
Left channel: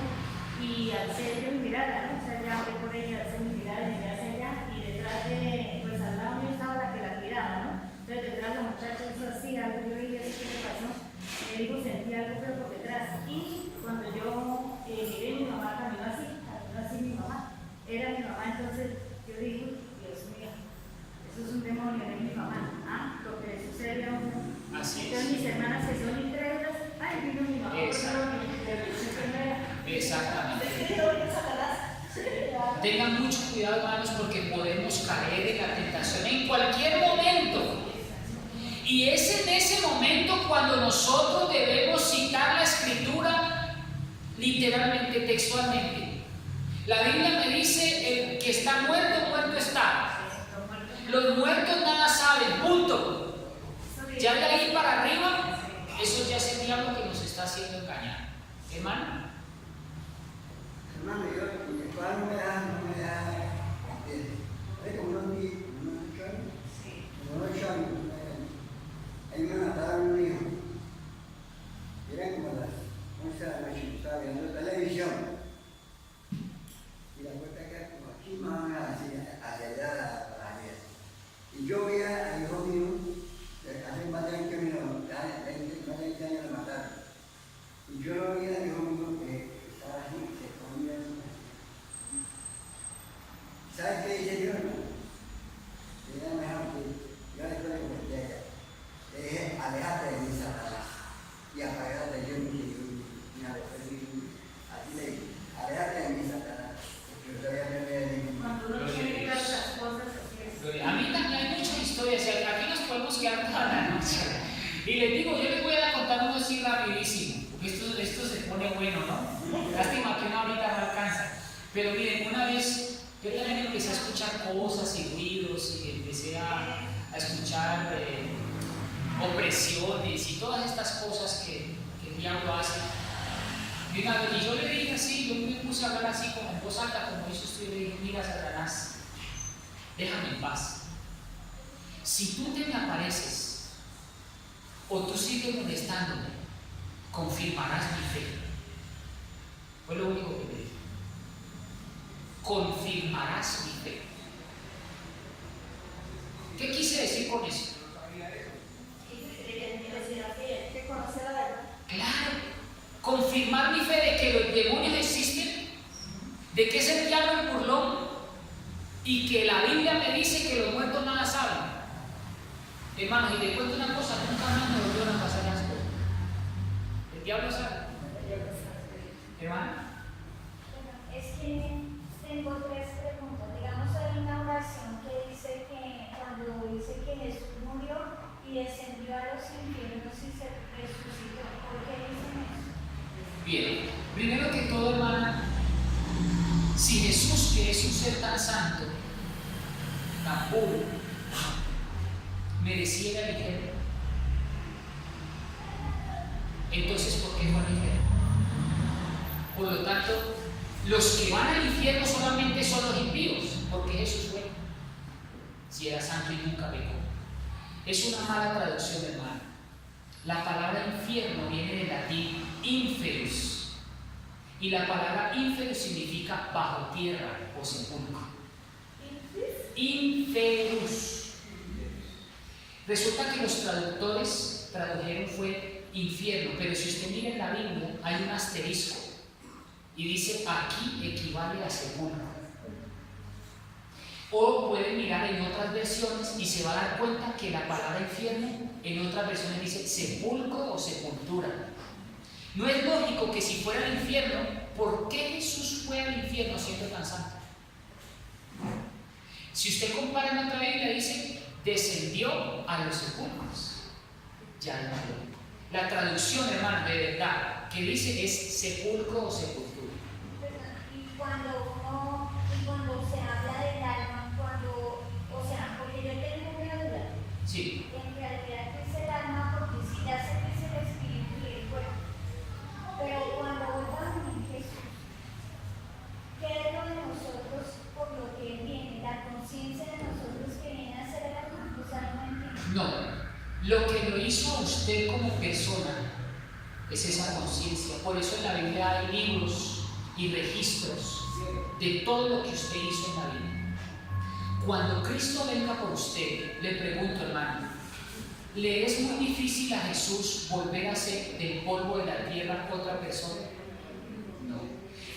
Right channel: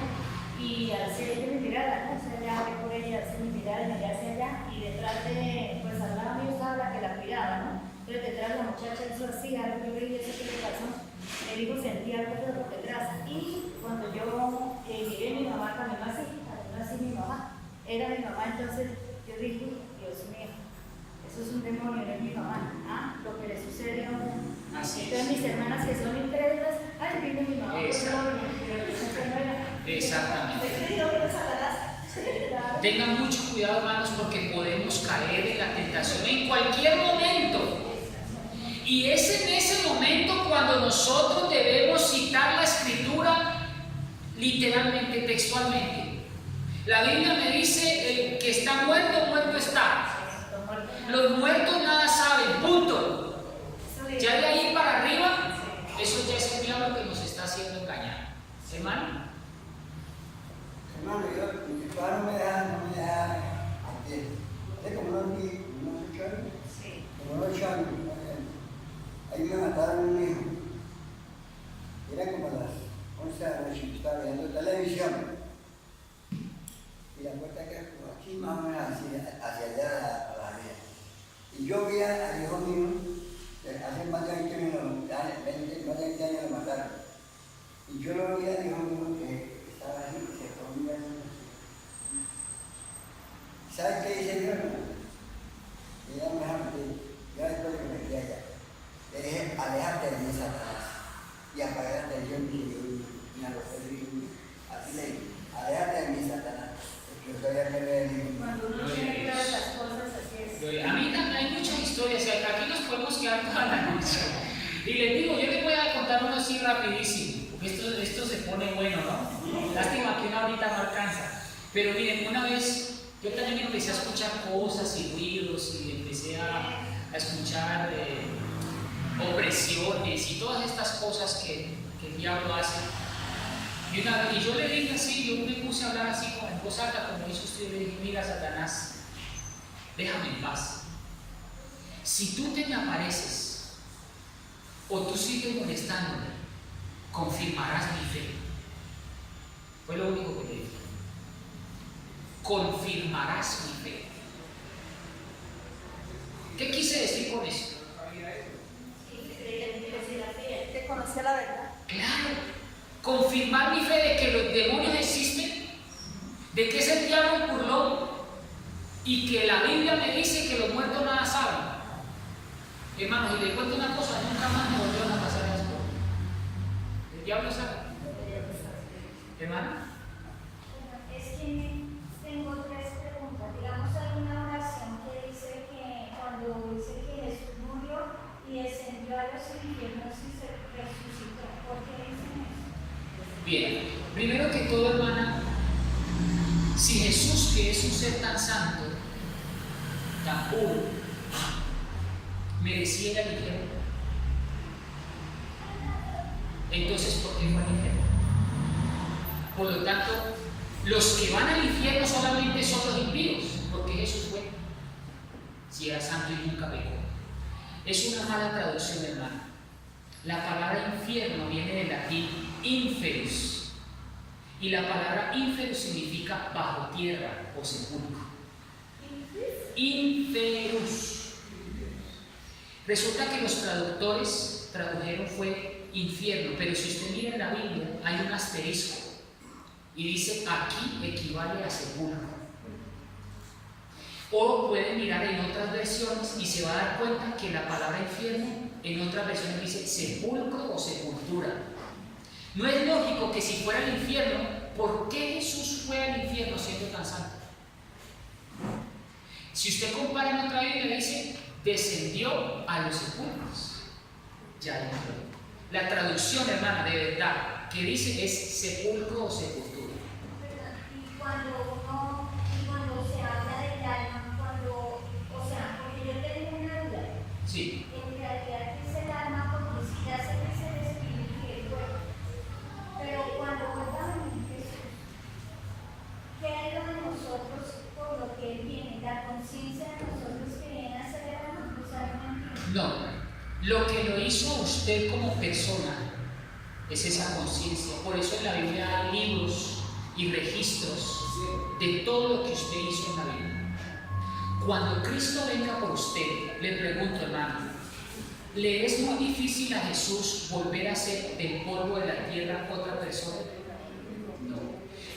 y alcé yo mi mirada, ¿no? O sea, ya oré por ella, alcé mi mirada y miré hacia allá, y detrás pues al lado mío estaba la que la cuidaba, ¿no? Entonces detrás la muchacha hizo así, algo, yo le dije: ¿eso qué le pasó? Le digo: sentí algo feo por detrás. Y cuando yo miré, mi mamá caminó así mi mamá. Era mi mamá. Entonces yo dije: Dios mío, eso es un demonio, no es mi mamá. Lo que le sucede a uno. Así entonces es. mis hermanas que son incrédulas: ay, vino mi mamá, por favor, pero no era. Exactamente. Tengan mucho cuidado, hermanos, porque podemos caer en la tentación en cualquier momento. Y es en ese momento cuando nosotros debemos citar la Escritura literalmente, textualmente. La Biblia me dice: el que está muerto, muerto está. Los muertos nada saben, punto. Ya de ahí para arriba, eso ya es el diablo que nos está haciendo engañar. Hermano. Hermano, mi papá no me deja hacer como unos 8 años. Ahí me mataron un hijo. Eran como las 11 de la noche, estaba viendo televisión. Y la puerta queda como aquí, más o menos hacia allá a la salida. Y yo vi al hijo mío, hace más de 20 años lo mataron. Y yo lo vi al hijo mío que estaba así, se comía. ¿Sabes qué dice yo? Y ya me dejaron que yo después le metí allá. Le dije: aléjate de mí, Satanás, y apagate de Dios, y a los felices. Así le dije: aléjate de mí, Satanás, porque yo todavía me veo. Cuando uno tiene claras las cosas, así es. A mí también hay muchas historias, y aquí nos podemos quedar toda la noche. Y les digo, yo les voy a contar uno así rapidísimo, porque esto se pone bueno, ¿no? Lástima que una horita no alcanza. Pero miren, una vez yo también empecé a escuchar cosas y ruidos, y empecé a escuchar opresiones y todas estas cosas que el diablo hace. Y yo le dije así, yo me puse a hablar así como en voz alta, como hizo usted, y le dije: mira, Satanás, déjame en paz. Si tú te me apareces o tú sigues molestándome, confirmarás mi fe. Fue lo único que le dije. confirmarás mi fe. ¿Qué quise decir con eso? Que conoció la verdad. Claro, confirmar mi fe de que los demonios existen, de que es el diablo el burlón y que la Biblia me dice que los muertos nada saben. Hermanos, y te cuento una cosa, nunca más me volvieron a pasar las cosas. El diablo sabe. Hermano. Es que tengo tres preguntas. Digamos, hay una oración que dice que cuando dice que Jesús murió y descendió a los infiernos y se resucitó, ¿por qué dicen eso? Bien, primero que todo, hermana, si Jesús, que es un ser tan santo, tan puro, merecía ir al infierno, entonces ¿por qué fue al infierno? Por lo tanto, los que van al infierno solamente son los impíos, porque Jesús fue, si era santo y nunca pecó. Es una mala traducción, hermano. La palabra infierno viene del latín inferus, y la palabra inferus significa bajo tierra o sepulcro. Inferus. Resulta que los traductores tradujeron fue infierno, pero si usted mira en la Biblia hay un asterisco y dice aquí equivale a sepulcro. O pueden mirar en otras versiones y se va a dar cuenta que la palabra infierno en otras versiones dice sepulcro o sepultura. No es lógico que si fuera al infierno, ¿por qué Jesús fue al infierno siendo tan santo? Si usted compara en otra Biblia dice descendió a los sepulcros. Ya hay una. La traducción, hermana, de verdad, que dice es sepulcro o sepultura. Y cuando se habla del alma, o sea, porque yo tengo una duda. Sí. En realidad es el alma, porque si ya se dice el espíritu y el cuerpo. Pero cuando vuelva a venir Jesús, ¿qué es lo de nosotros por lo que Él viene? La conciencia de nosotros que viene a ser alma, o sea, no entiendo. No. Lo que lo hizo a usted como persona es esa conciencia. Por eso en la Biblia hay libros y registros de todo lo que usted hizo en la vida. Cuando Cristo venga por usted, le pregunto, hermano, ¿le es muy difícil a Jesús volver a ser del polvo de la tierra otra persona? No.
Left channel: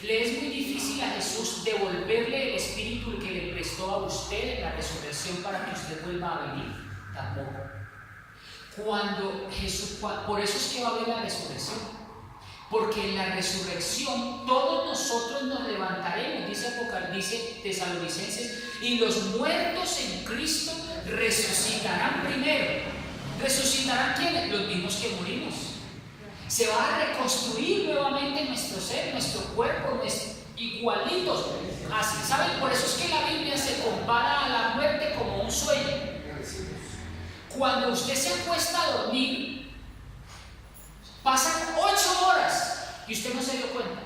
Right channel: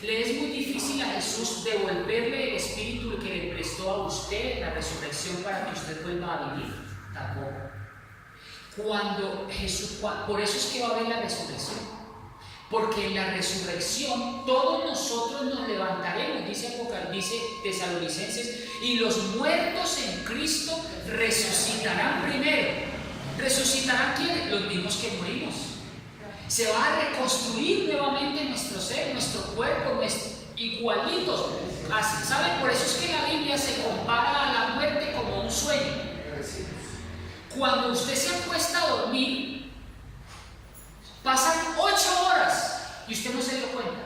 ¿Le es muy difícil a Jesús devolverle el espíritu que le prestó a usted en la resurrección para que usted vuelva a vivir? Tampoco. Por eso es que va a haber la resurrección, porque en la resurrección todos nosotros nos levantaremos, dice Tesalonicenses, y los muertos en Cristo resucitarán primero. ¿Resucitarán quiénes? Los mismos que morimos. Se va a reconstruir nuevamente nuestro ser, nuestro cuerpo, igualitos. Así, ¿saben? Por eso es que la Biblia se compara a la muerte como un sueño. Cuando usted se acuesta a dormir, pasan 8 horas y usted no se dio cuenta.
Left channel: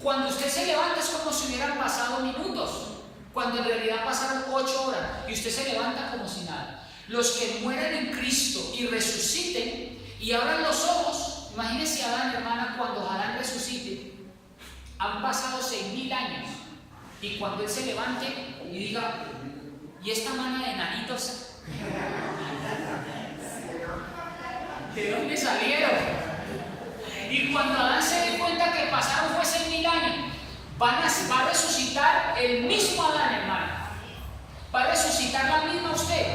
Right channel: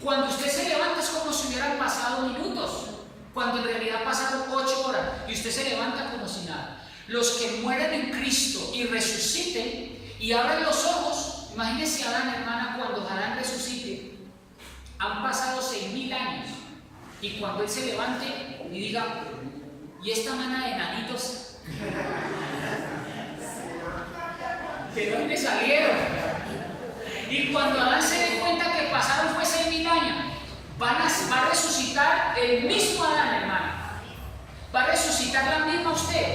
Cuando usted se levanta es como si hubieran pasado minutos, cuando en realidad pasaron 8 horas y usted se levanta como si nada. Los que mueran en Cristo y resuciten y abran los ojos, imagínense a Adán, hermana, cuando Adán resucite, han pasado 6.000 años y cuando él se levante y diga, ¿y esta mana de enanitos? ¿De dónde salieron? Y cuando Adán se dé cuenta que pasaron fue 6.000 años, va a resucitar el mismo Adán, hermano. Va a resucitar la misma usted.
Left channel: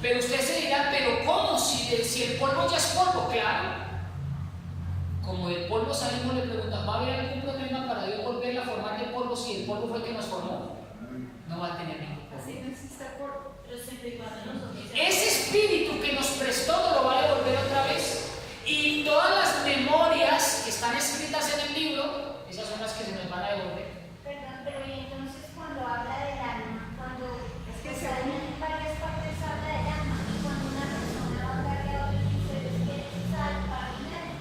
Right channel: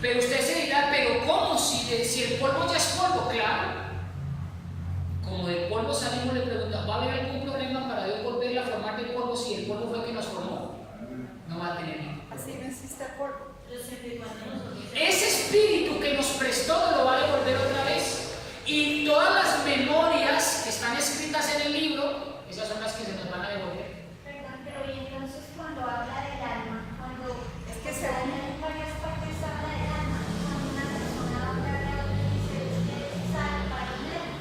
Pero usted se dirá, ¿pero cómo? Si el polvo ya es polvo, claro. Como del polvo salimos, le preguntamos, ¿va a haber algún problema para Dios volver a formar del polvo si el polvo fue el que nos formó? No va a tener ningún problema. Así no existe polvo. Ese espíritu que nos prestó nos lo va a devolver otra vez. Y todas las memorias que están escritas en el libro, esas son las que se nos van a devolver. Perdón, pero y entonces cuando habla del alma, Es que o se sea, une. en varias partes habla del alma, y cuando una persona habla de otra dice es que es alma primero.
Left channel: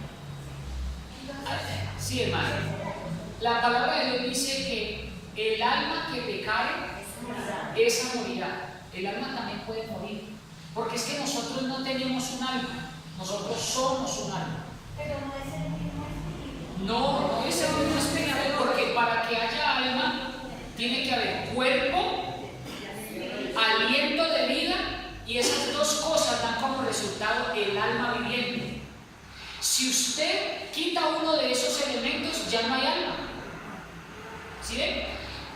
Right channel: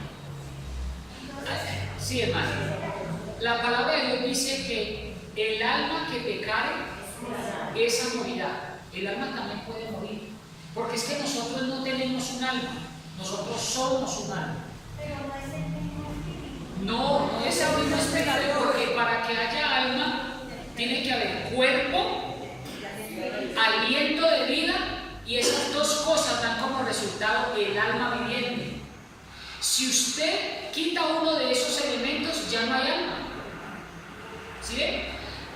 Entonces, Sí, hermano. La palabra de Dios dice que el alma que pecare, esa morirá. El alma también puede morir, porque es que nosotros no tenemos un alma, nosotros somos un alma. pero no es el mismo espíritu. No, no es el mismo espíritu, porque para que haya alma tiene que haber cuerpo, aliento de vida, y esas dos cosas dan como resultado el alma viviente. Si usted quita uno de esos elementos, ya no hay alma. ¿Sí ven?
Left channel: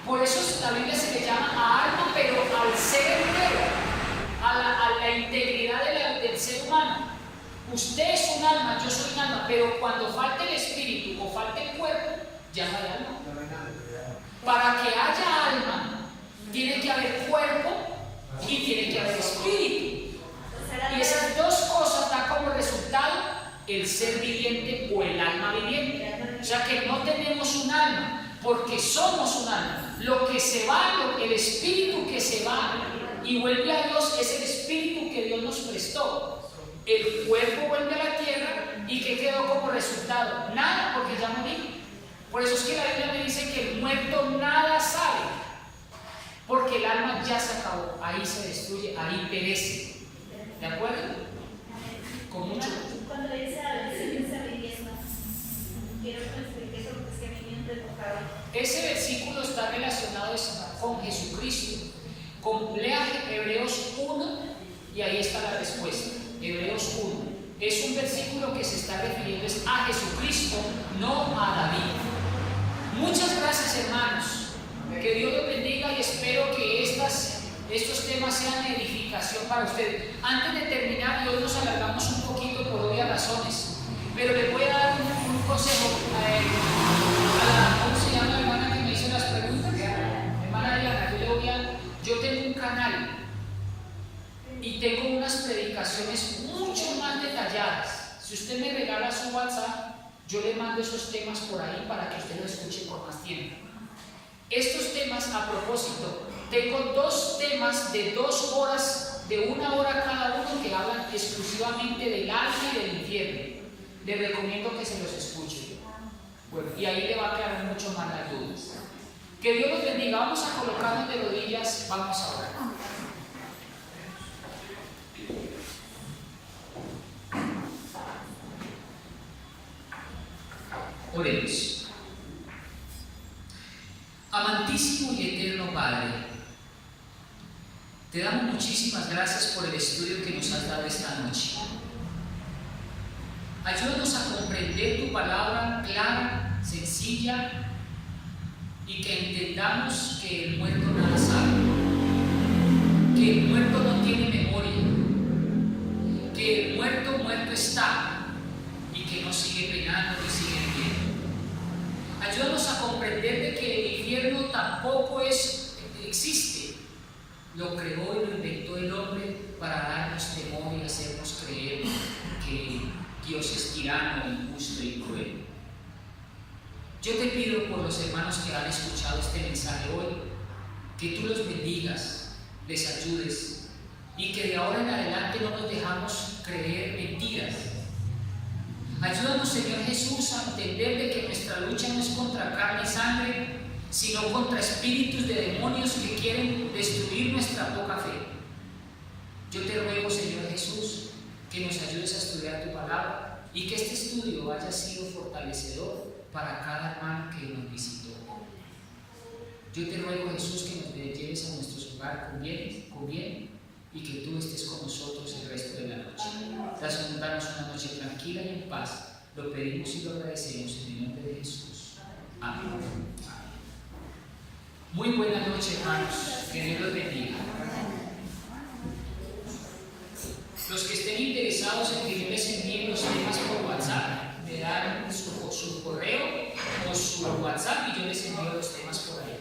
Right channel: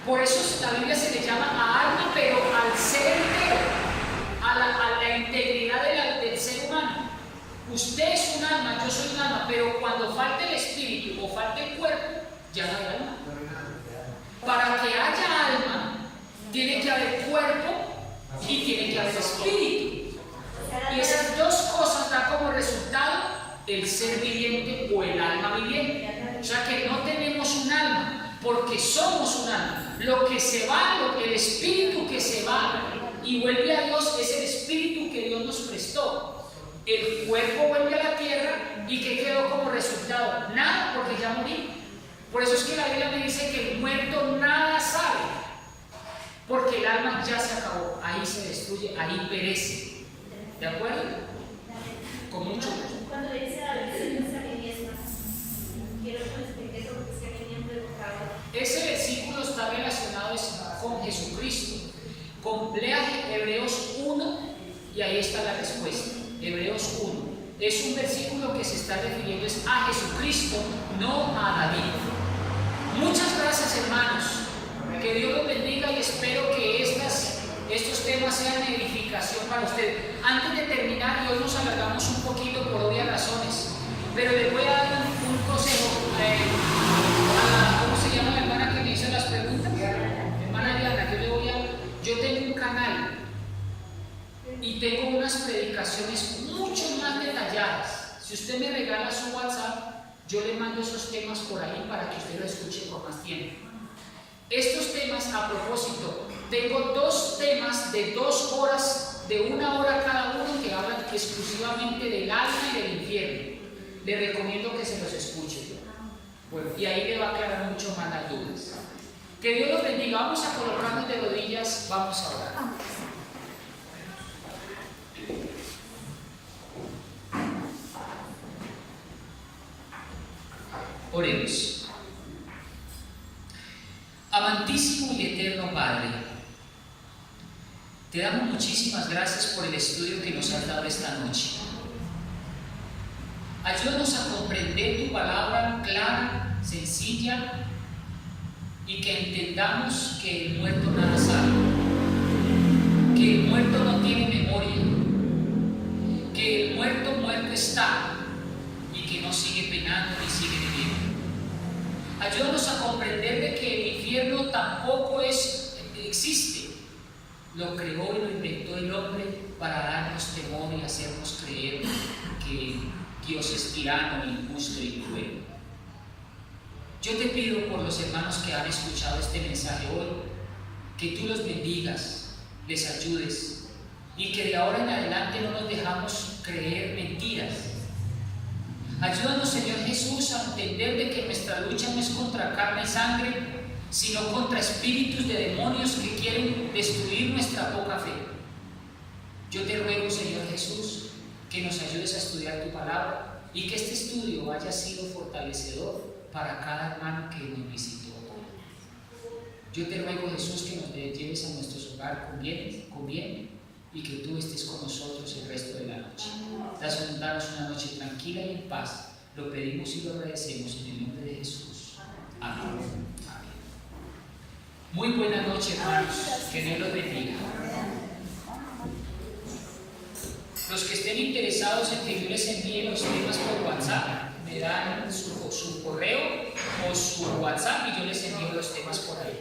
Por eso la Biblia se le llama a alma, pero al ser entero, a la integridad del ser humano. Usted es un alma, yo soy un alma, pero cuando falte el espíritu o falte el cuerpo, ya no hay alma. Para que haya alma, tiene que haber cuerpo y tiene que haber espíritu. Y esas dos cosas dan como resultado el ser viviente o el alma viviente. O sea que no tenemos un alma, porque somos un alma. Lo que se va, el espíritu que se va y vuelve a Dios es el espíritu que Dios nos prestó. El cuerpo vuelve a la tierra y ¿qué quedó como resultado? Nada, porque ya morí. Por eso es que la Biblia me dice que el muerto nada sabe, porque el alma ya se acabó, ahí se destruye, ahí perece. ¿De acuerdo? Con mucho gusto. Cuando dice a veces a mí misma, quiero que me explique eso porque es que a mí me invocado. Ese versículo está relacionado con Jesucristo. Lea Hebreos 1 y ahí está la respuesta. Hebreos 1. Es un versículo que se está refiriendo a Jesucristo, no a David. Muchas gracias, hermanos. Que Dios los bendiga y espero que estos temas sean de edificación para ustedes. Antes de terminar, y hoy nos alargamos un poquito por obvias razones, pero les voy a dar un consejo ¿cómo se llama la hermana que me hizo las preguntas? Hermana Diana, yo tengo un canal y tengo unas predicaciones mucho más detalladas. Si usted me regala su WhatsApp, yo le mando esos temas por ahí para que usted lo escuche por más tiempo. Estos temas, a propósito, tengo 2 temas de 2 horas, de 1 hora cada uno, que hablan exclusivamente del alma y del infierno. Le recomiendo que se los escuche. Bueno, y ahí le va a aclarar mucho más las dudas. Que Dios los bendiga. Vamos a colocarnos de rodillas, vamos a orar. Oremos. Amantísimo y eterno Padre, te damos muchísimas gracias por el estudio que nos has dado esta noche. Ayúdanos a comprender tu palabra clara, sencilla, y que entendamos que el muerto nada sabe, que el muerto no tiene memoria, que el muerto está y que no sigue penando ni sigue viviendo. Ayúdanos a comprender de que el infierno tampoco existe. Lo creó y lo inventó el hombre para darnos temor y hacernos creer que Dios es tirano, injusto y cruel. Yo te pido por los hermanos que han escuchado este mensaje hoy, que tú los bendigas, les ayudes y que de ahora en adelante no nos dejamos creer mentiras. Ayúdanos, Señor Jesús, a entender de que nuestra lucha no es contra carne y sangre, sino contra espíritus de demonios que quieren destruir nuestra poca fe. Yo te ruego, Señor Jesús, que nos ayudes a estudiar tu palabra y que este estudio haya sido fortalecedor para cada hermano que nos visitó. Yo te ruego, Jesús, que nos lleves a nuestros hogares con bien y que tú estés con nosotros el resto de la noche. Danos una noche tranquila y en paz. Lo pedimos y lo agradecemos en el nombre de Jesús. Amén. Amén. Muy buena noche, hermanos. Que Dios los bendiga. Los que estén interesados en que yo les envíe los temas por WhatsApp, me dan su correo o su WhatsApp y yo les envío los temas por ahí.